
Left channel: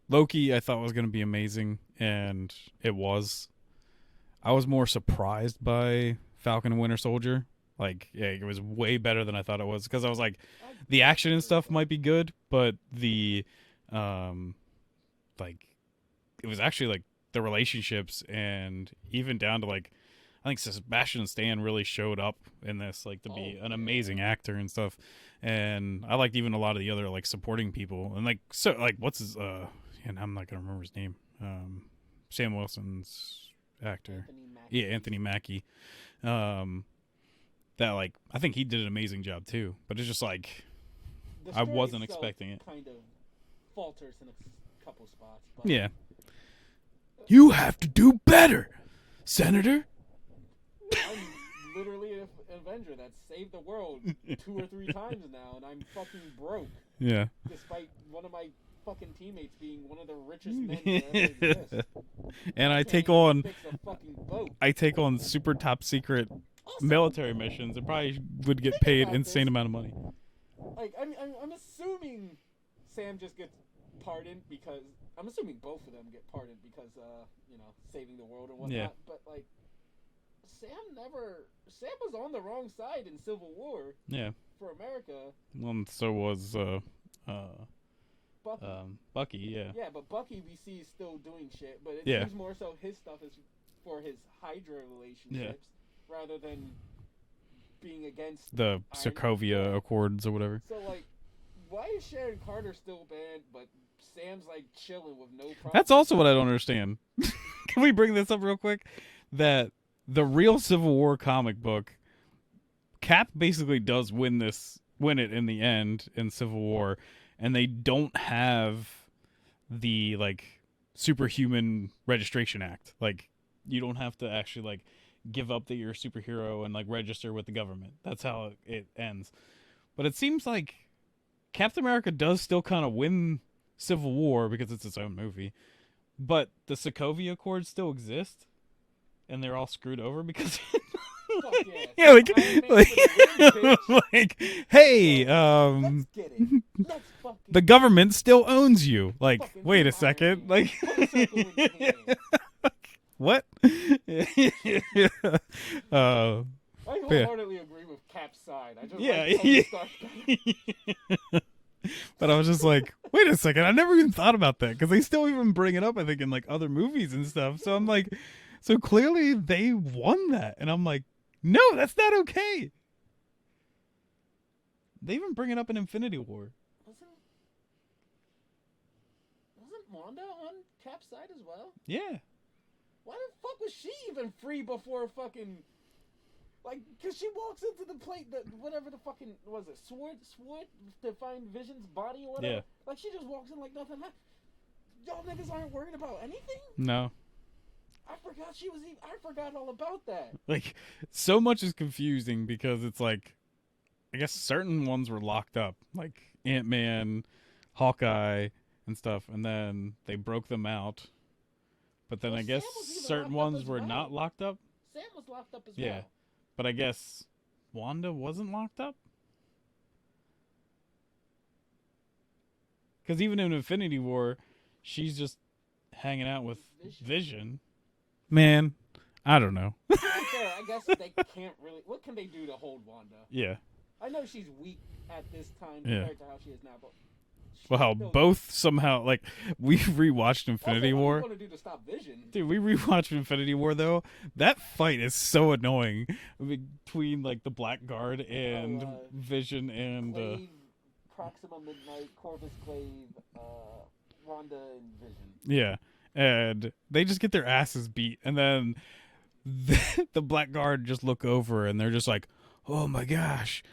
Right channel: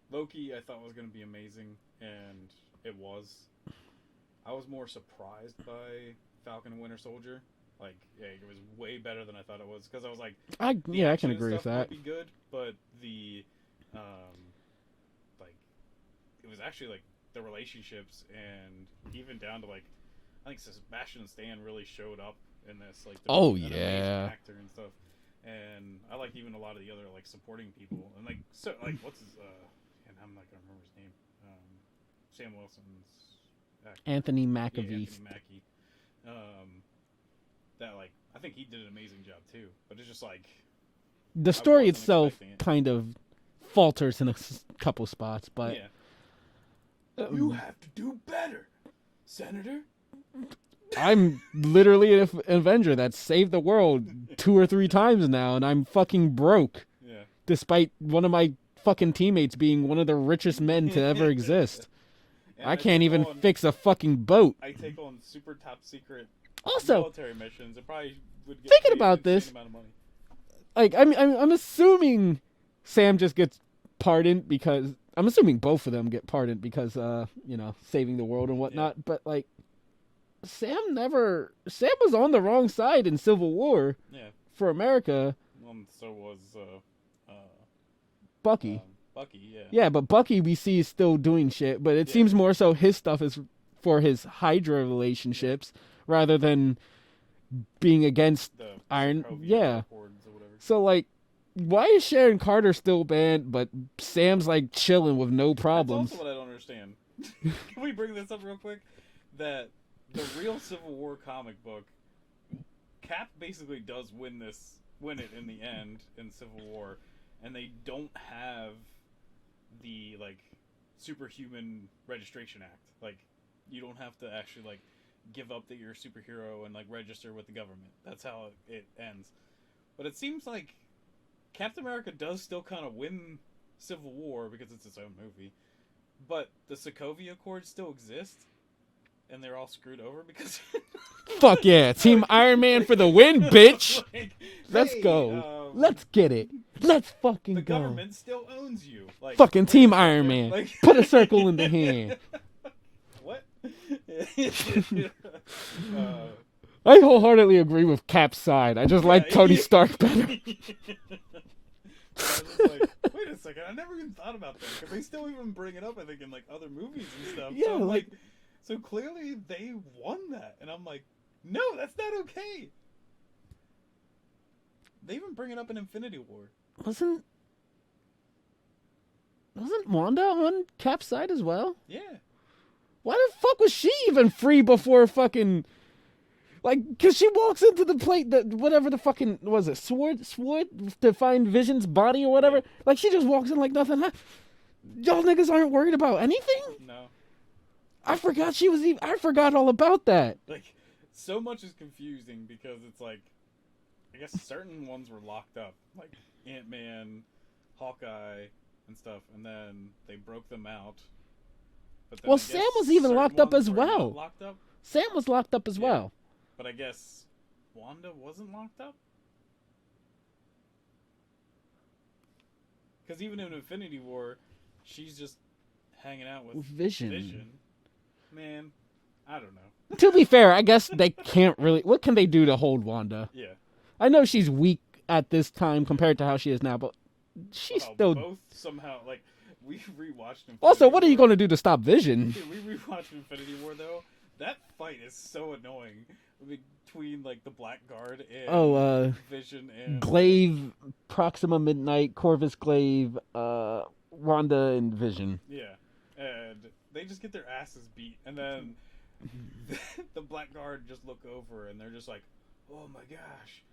Loki, I thought was going to be amazing, and it was. I was more surprised by Falcon and Winter Soldier. Like, yeah, it was way better than I thought it was because I was like, the action and stuff might be good, but the, like, it was actually like the relationships and even down to like, I think Sebastian Stan really showed up in this, like, to be an amazing actor and stuff. And I liked even a lot of the other like supporting people and like so like what's his and I'm not gonna remember his name. Sam Wilson's actor. Anthony Mackie. Yeah, Anthony Mackie. That like I think he did an amazing job too. But it's just like The story wasn't itself expecting it. kind of falters in a couple spots, but yeah. You have to do better, Senator. I'm literally an Avenger that saved the world 2 or 3 times now, and I'm fucking broke, Yeah. despite one of my fucking teammates being one of the richest men to ever exist. And I can't take even on fix a fucking boat. I take on super top secret Also, military missions and probably would get Thinking paid about insane this- amount of money. like I'm assuming Sam just gets pardoned because I'm assuming both of them get pardoned because saving the world and whatnot. But like Sam was on the wrong side in Civil War Yeah. for America. Well, and so was Bucky. Bucky, yeah. Yeah, but Bucky we see is still doing shit, but it Yeah. seems more so his stuff is for his Hydra relationships rather than being against. The Iron- Sokovia yeah. Accords or whatever. So like, why is Sharon Carter still banned, but Sam's like chilling with no problem? That's also what I don't understand. Can we bring this up real quick? That the real Civil War comic book, Cap basically does win it in the end in Civil War, and they don't have the like superhuman registration act. Like you don't have to actually like give up that you're a superhero and like register with the government. That's how it ends. But it seems like Captain America does still kind of win Civil War because it's its own movie, but the Sokovia Accords still exist, and they're all screwed over because. Fuck yeah, Team Iron Man for the win, bitch. Hey, let's get it. Let's fucking. The government still owns you. Like fucking wait Team a Iron second. Man. Like Put a circle in the hand. what? I wholeheartedly agree with Cap's side. I just like Tony Stark better. But I was just like, wait a second, I never even thought about that because they still even bring it up, I think, in like other movies and stuff. Yeah, so I'm like, so clearly they won that, and I'm like, no, that's not okay. They even bring it up in Infinity War. Wasn't Wanda on Cap's side as well? Yeah. Why the fuck was she even free before fucking... Like, because she walks into the plate, whatever the fucking... Was it sword to find Vision's body or whatever? Yeah. Like, she just walks in like nothing. Y'all niggas aren't worried about anything? No. I forgot she was even... I forgot all about that. Like, so much is confusing because it's like, I guess certain ones were locked up, like Ant-Man, Hawkeye, and stuff, and then they broke them out. But then Well, I guess Sam was even certain locked up ones as were well. not locked up. Sam was locked up as Yeah. well. But I guess Wanda wasn't locked up? Because even in Infinity War, she's just hanging out with Vision. Man, I don't know. To be fair, I guess they can't really... What can they do to hold Wanda? Yeah. I know she's weak at this time compared to how she is now, but she's Well, how still... both somehow, like, we rewatched Infinity Also, what War. are you going to do to stop Vision? Dude, we rewatched Infinity War, though. That fight is so annoying between, like, the Black Guard and Vision and... Glaive, Proxima Midnight, Corvus Glaive, Wanda, and Vision. Yeah. And they just get their asses beat. And then the Black Guard just look over and they're just like, oh my gosh,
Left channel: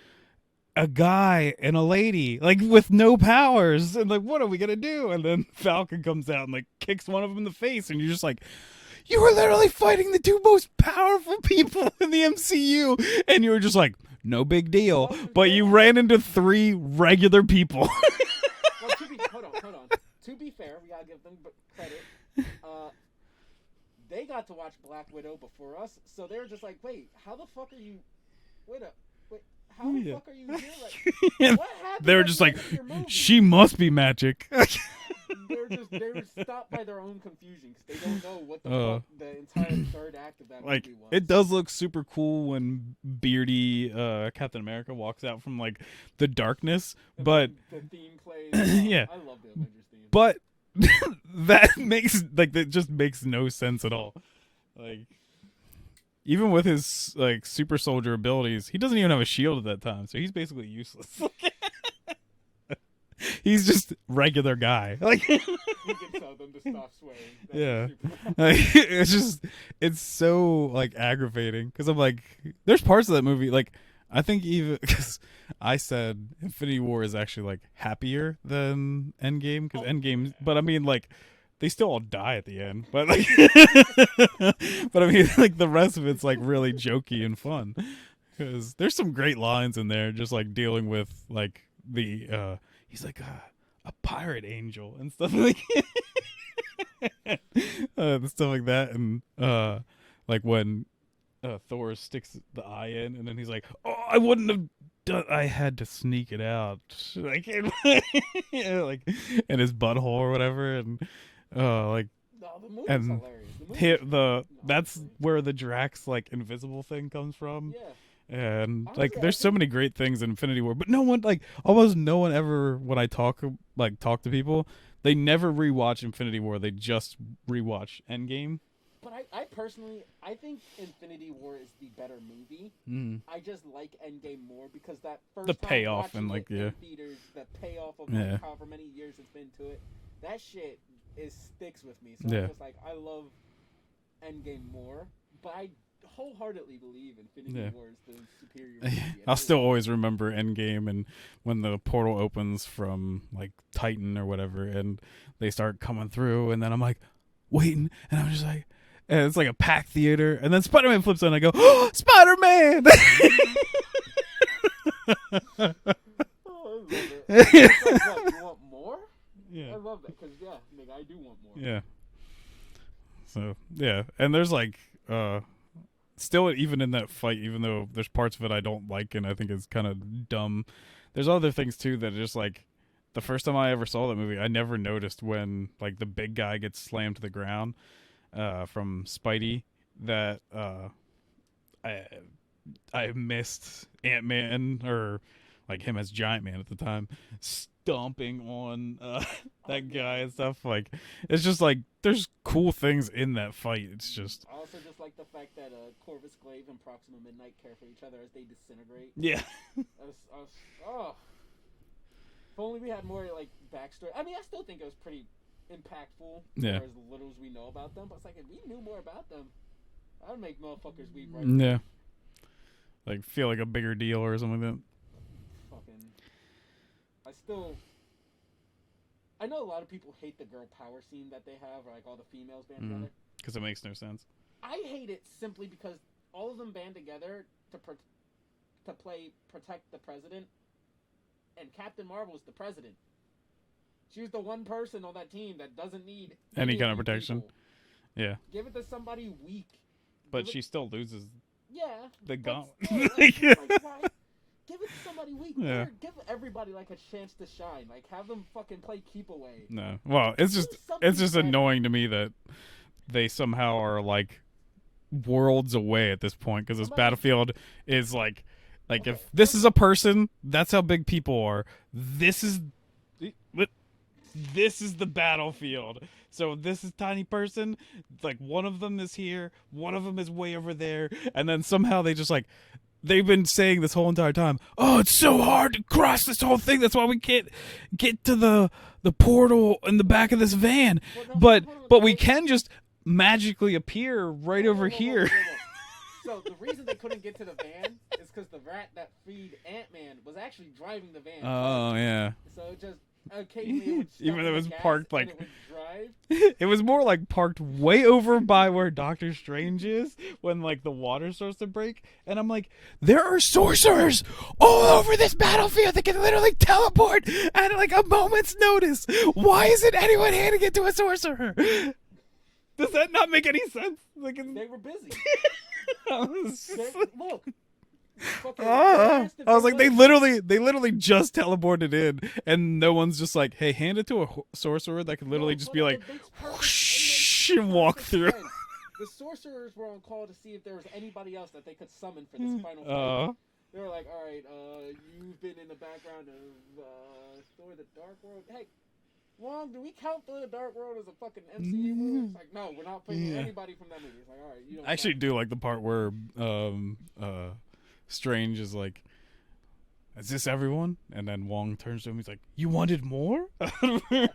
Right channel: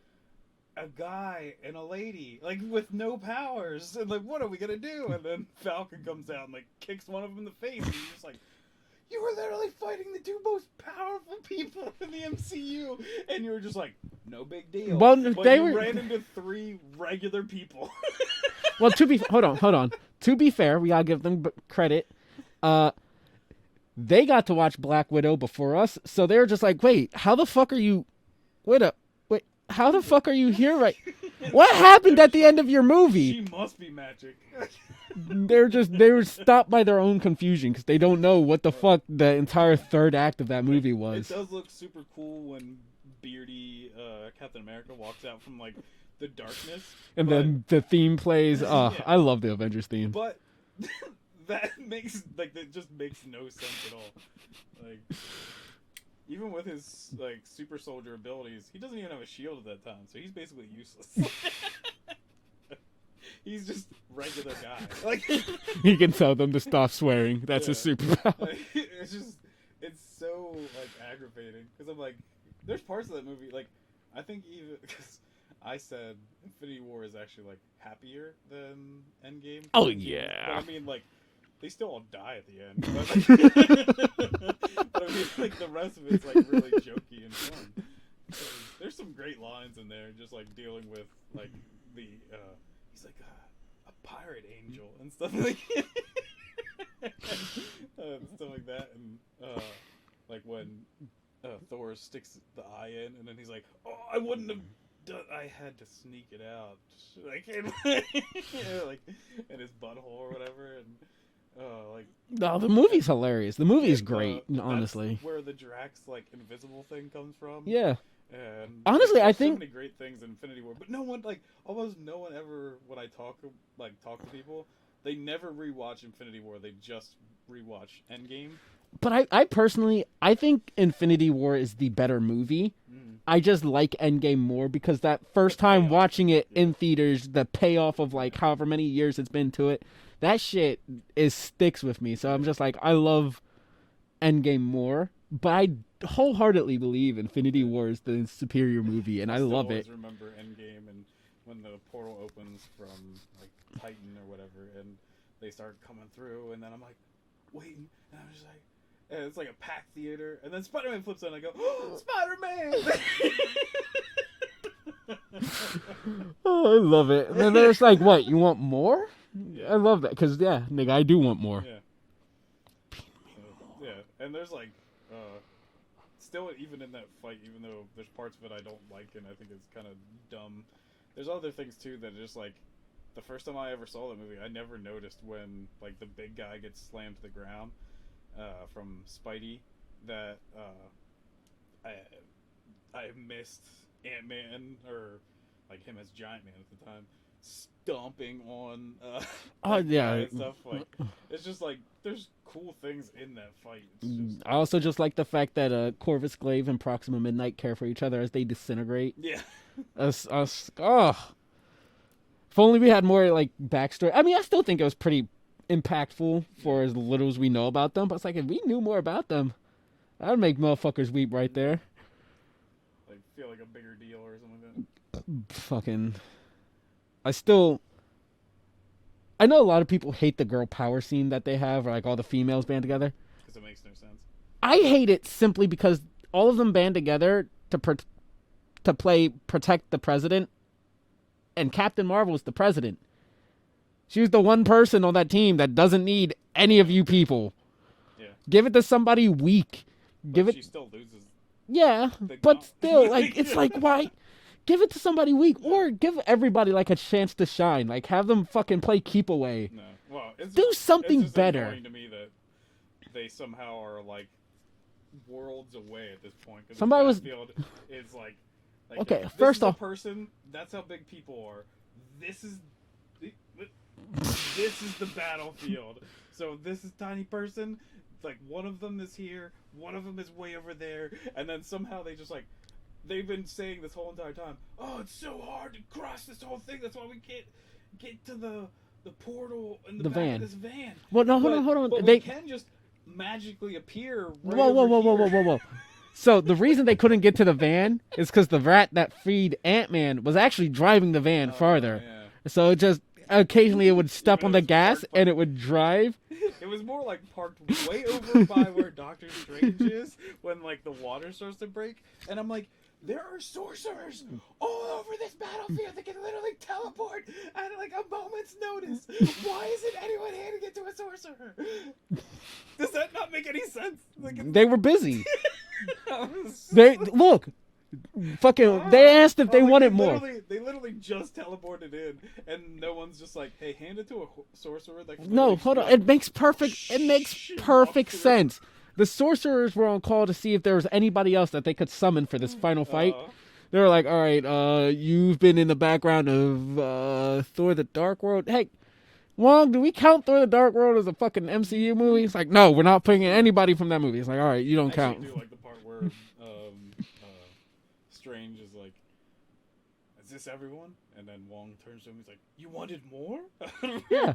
a guy and a lady, like with no powers. And like, what are we going to do? And then Falcon comes out and like kicks one of them in the face. And you're just like, you were literally fighting the two most powerful people in the MCU. And you were just like, no big deal. Well, but you ran into three regular people. Well, hold on. To be fair, we gotta give them credit. They got to watch Black Widow before us, so they're just like, wait, how the fuck are you... Wait, how the fuck are you here right... What happened at the end of your movie? She must be magic. They were stopped by their own confusion because they don't know what the fuck the entire third act of that movie was. It does look super cool when beardy Captain America walks out from like the darkness, and but then the theme plays. Yeah. I love the Avengers theme. But that just makes no sense at all. Like, even with his like super soldier abilities, he doesn't even have a shield at that time, so he's basically useless. He's just regular guy. Like, he can tell them to stop swearing. That's his superpower. Like, it's so like aggravating because I'm like, there's parts of that movie like I think even because I said Infinity War is actually like happier than Endgame. Oh, Endgame, yeah. but I mean like they still all die at the end. But like, but I mean like the rest of it's like really jokey and fun because there's some great lines in there, just like dealing with like the he's like a pirate angel and stuff like and stuff like that, and like when Thor sticks the eye in, and then he's like, "Oh, I wouldn't have done. I had to sneak it out." Like, like in his butthole or whatever, and like. No, the movie's hilarious. The movie is great. That's honestly, where the Drax like invisible thing comes from. yeah. And Honestly, like, there's I so think... many great things in Infinity War, but almost no one ever, when I talk to people, they never rewatch Infinity War. They just rewatch Endgame. But I personally, I think Infinity War is the better movie. I just like Endgame more because that first time watching it in theaters, the payoff of like however many years it's been to it, that shit sticks with me. So I'm just like, I love Endgame more, but I wholeheartedly believe Infinity War is the superior movie, and I still love always it. remember Endgame and when the portal opens from like Titan or whatever, and they start coming through, and then I'm like waiting, and I'm just like, and it's like a packed theater, and then Spider-Man flips on, and I go, oh, Spider-Man! Oh, I love it. And then it's like, what, you want more? I love that because nigga, I do want more. Yeah. So and there's like still even in that fight, even though there's parts of it I don't like and I think it's kind of dumb. There's other things too that are just like the first time I ever saw that movie, I never noticed when like the big guy gets slammed to the ground from Spidey that I missed Ant-Man or like him as Giant Man at the time stomping on that guy and stuff. Like it's just like there's cool things in that fight. It's just I also just like the fact that Corvus Glaive and Proxima Midnight care for each other as they disintegrate. Yeah. If only we had more like backstory. I mean, I still think it was pretty impactful for as little as we know about them. But it's like if we knew more about them, that'd make motherfuckers weep right there. Like feel like a bigger deal or something like that. Fucking, I know a lot of people hate the girl power scene that they have, or like all the females band together. Because it makes no sense. I hate it simply because all of them band together to protect the president, and Captain Marvel is the president. She was the one person on that team that doesn't need any of you people. Yeah. Give it to somebody weak. But she still loses. Yeah, but still, like it's like why? Give it to somebody weak, or give everybody like a chance to shine. Like have them fucking play keep away. No, well, it's just better. Annoying to me that they somehow are like worlds away at this point because this battlefield is like okay, if this is a person, that's how big people are. This is the battlefield. So this is tiny person. Like one of them is here, one of them is way over there, and then somehow they just like. They've been saying this whole entire time, oh, it's so hard to cross this whole thing. That's why we can't get to the portal in the back of this van. Well, no, but hold on. But we can just magically appear over here. Whoa. So the reason they couldn't get to the van is because the rat that freed Ant-Man was actually driving the van farther. Yeah. So it just occasionally it would step on the gas and it would drive. It was more like parked way over by where Doctor Strange is when like the water starts to break, and I'm like, there are sorcerers all over this battlefield that can literally teleport at like a moment's notice. Why isn't anyone handing it to a sorcerer? Does that not make any sense? Like they were busy. Look. Fucking, they asked if they wanted they literally just teleported in, and no one's just like, hey, hand it to a sorcerer that can literally just be like, it makes perfect sense. The sorcerers were on call to see if there was anybody else that they could summon for this final fight. They were like, all right, you've been in the background of Thor the Dark World. Hey, Wong, do we count Thor the Dark World as a fucking MCU movie? It's like, no, we're not putting anybody from that movie. It's like, all right, you don't count. I actually do like the part where Strange is like, is this everyone? And then Wong turns to him, he's like, you wanted more? Yeah.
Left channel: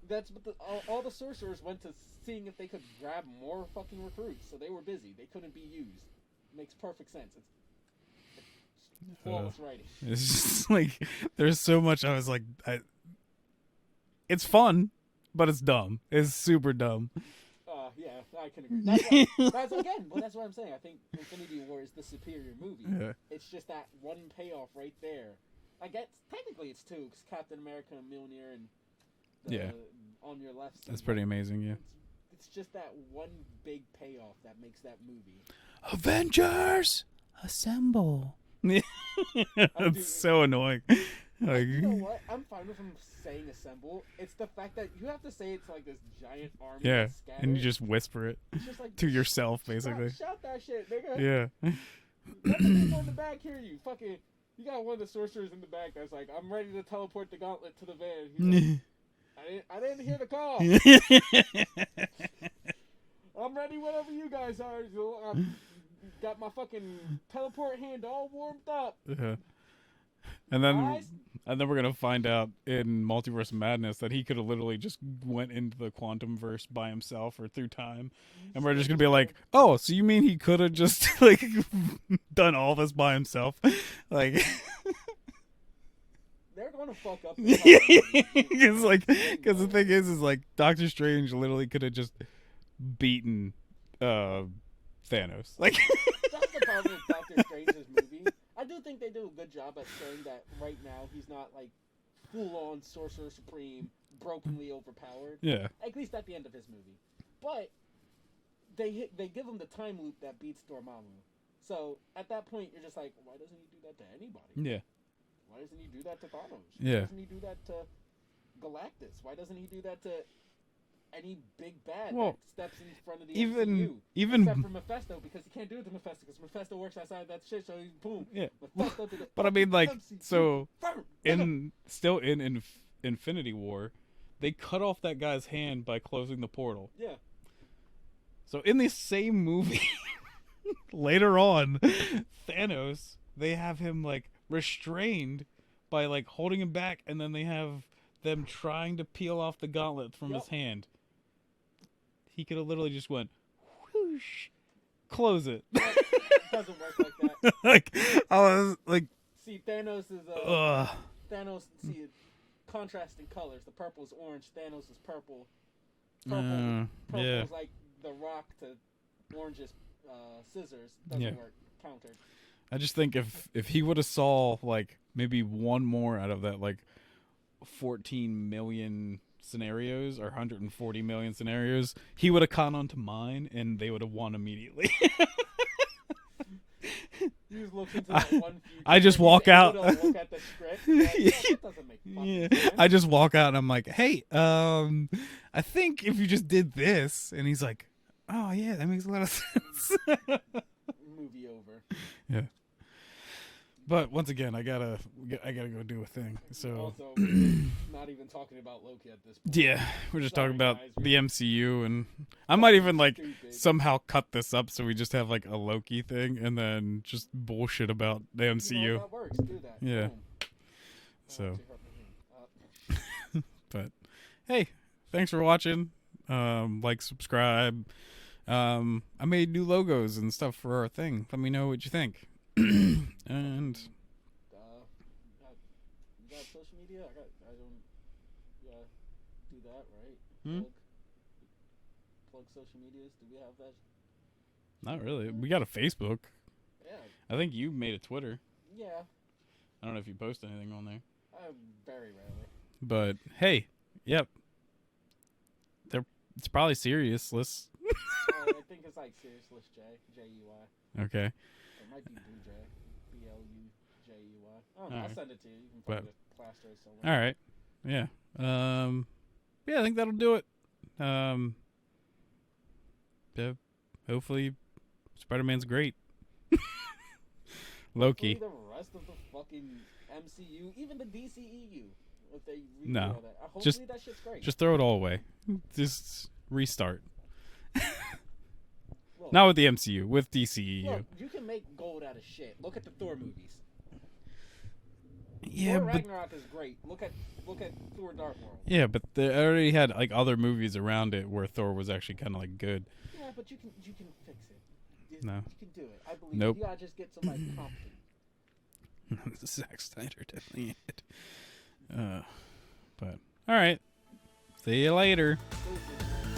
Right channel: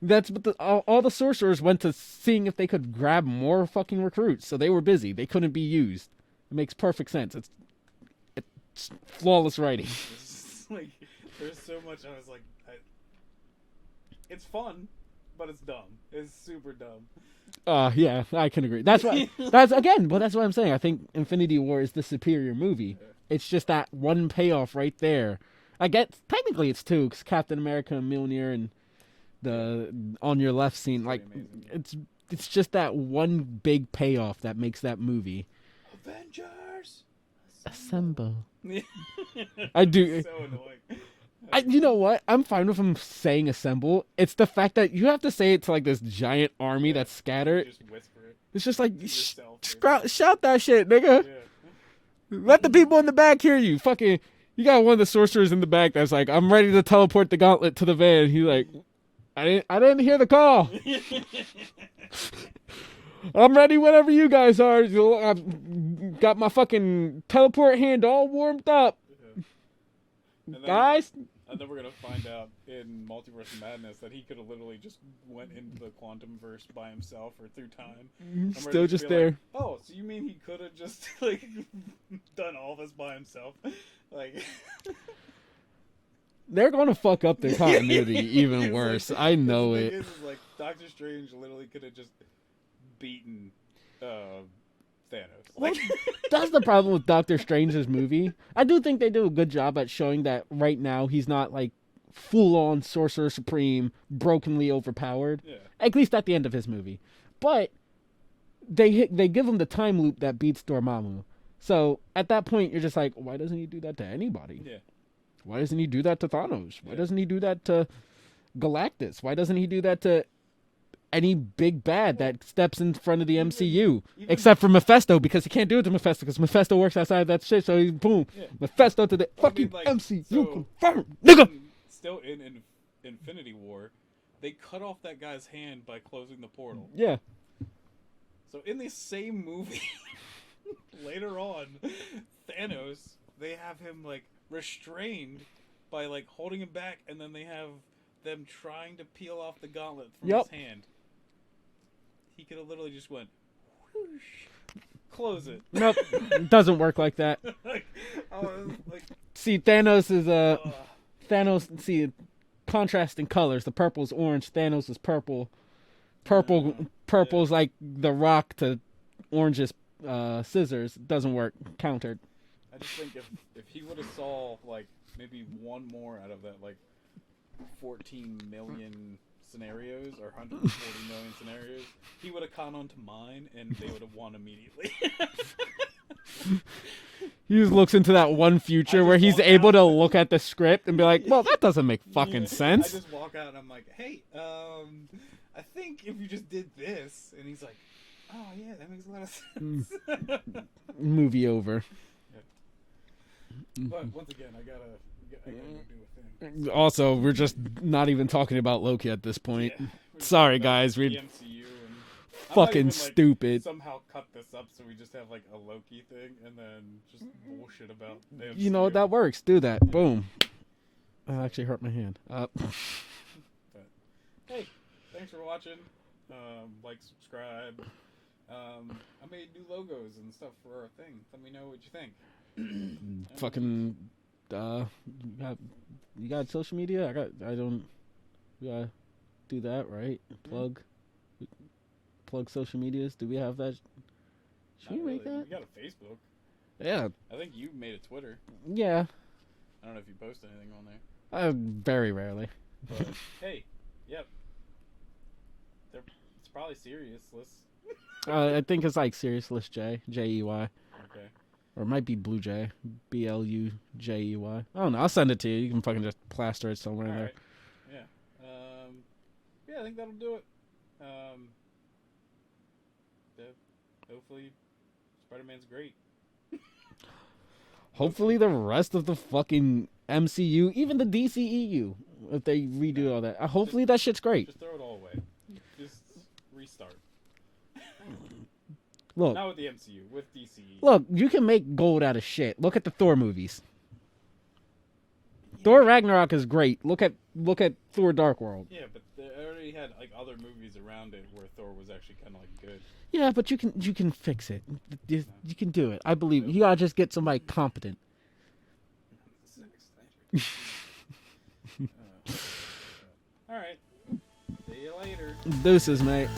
That's what all the sorcerers went to seeing if they could grab more fucking recruits, so they were busy. They couldn't be used. It makes perfect sense. It's flawless writing. It's just like, there's so much, I was like, it's fun, but it's dumb. It's super dumb. Yeah, I can agree. That's what I'm saying. I think Infinity War is the superior movie. Yeah. It's just that one payoff right there. I guess technically it's two, because Captain America and Mjolnir and the on your left scene. It's pretty amazing. Yeah. It's just that one big payoff that makes that movie. Avengers assemble. I do. It's so annoying. You know what? I'm fine with him saying assemble. It's the fact that you have to say it to like this giant army that's scattered. And you just whisper it. It's just like to yourself. Basically. Shout that shit, nigga. Yeah. Let the people in the back hear you. Fucking, you got one of the sorcerers in the back that's like, I'm ready to teleport the gauntlet to the van. He's like, I didn't hear the call. I'm ready whenever you guys are. I've got my fucking teleport hand all warmed up. And then we're gonna find out in Multiverse of Madness that he could have literally just went into the quantum verse by himself or through time. And we're just gonna be like, oh, so you mean he could have just like done all this by himself? Like, they're gonna fuck up the continuity even worse. Like, I know. The thing is like Doctor Strange literally could have just beaten Thanos. Like, that's the problem with Doctor Strange's movie. I do think they do a good job at showing that right now he's not like full on Sorcerer Supreme, brokenly overpowered. Yeah. At least at the end of his movie. But they give him the time loop that beats Dormammu. So at that point, you're just like, why doesn't he do that to anybody? Yeah. Why doesn't he do that to Thanos? Why Yeah. doesn't he do that to Galactus? Why doesn't he do that to any big bad that steps in front of the MCU? Except for Mephisto, because he can't do it to Mephisto, because Mephisto works outside of that shit, so he, boom. Yeah. Mephisto to the But I mean, like, MCU. so Nigga! still in Infinity War, they cut off that guy's hand by closing the portal. Yeah. So in the same movie, later on, Thanos, they have him like restrained by like holding him back, and then they have them trying to peel off the gauntlet from his hand. He could have literally just went, whoosh, close it. Nope, it doesn't work like that. Like, I was like, see, Thanos is Thanos. See, contrasting colors. The purple's orange. Thanos is purple. Purple's like the Rock to Orange's scissors. Doesn't work. Countered. I just think if he would have saw like maybe one more out of that like 14 million scenarios or 140 million scenarios, he would have caught on to mine and they would have won immediately. He just looks into that one future where he's able to look at the script and be like, well, that doesn't make fucking sense. I just walk out and I'm like, hey, I think if you just did this, and he's like, oh yeah, that makes a lot of sense. Movie over. Yeah. But once again, I gotta go do a thing. So. Also, we're just not even talking about Loki at this point. Yeah, we're just sorry, talking about guys. The MCU, and I might even like stupid. somehow cut this up so we just have like a Loki thing, and then just bullshit about the MCU. You know that works. Do that. Yeah. Boom. So. I actually hurt my hand. But hey, thanks for watching. Like, subscribe. I made new logos and stuff for our thing. Let me know what you think. Fucking you got social media? I don't do that, right? Plug social medias. Do we have that? Not really. We got a Facebook. Yeah. I think you made a Twitter. Yeah. I don't know if you post anything on there. Very rarely. But hey, yep. It's probably serious. I think it's like Serious List J, Jey. Okay. Or it might be Blue Jay, Blujey. I don't know. I'll send it to you. You can fucking just plaster it somewhere. All right. Yeah. Yeah, I think that'll do it. Yeah, hopefully, Spider-Man's great. Hopefully, the rest of the fucking MCU, even the DCEU, if they redo all that, hopefully that shit's great. Just throw it all away. Just restart. Look, not with the MCU, with DCEU. Look, you can make gold out of shit. Look at the Thor movies. Yeah, Thor Ragnarok is great. Look at Thor Dark World. Yeah, but they already had like other movies around it where Thor was actually kind of like good. Yeah, but you can fix it. You can do it. I believe Nope. you gotta just get somebody competent. Zack Snyder did it. But all right, see you later. Deuces, mate.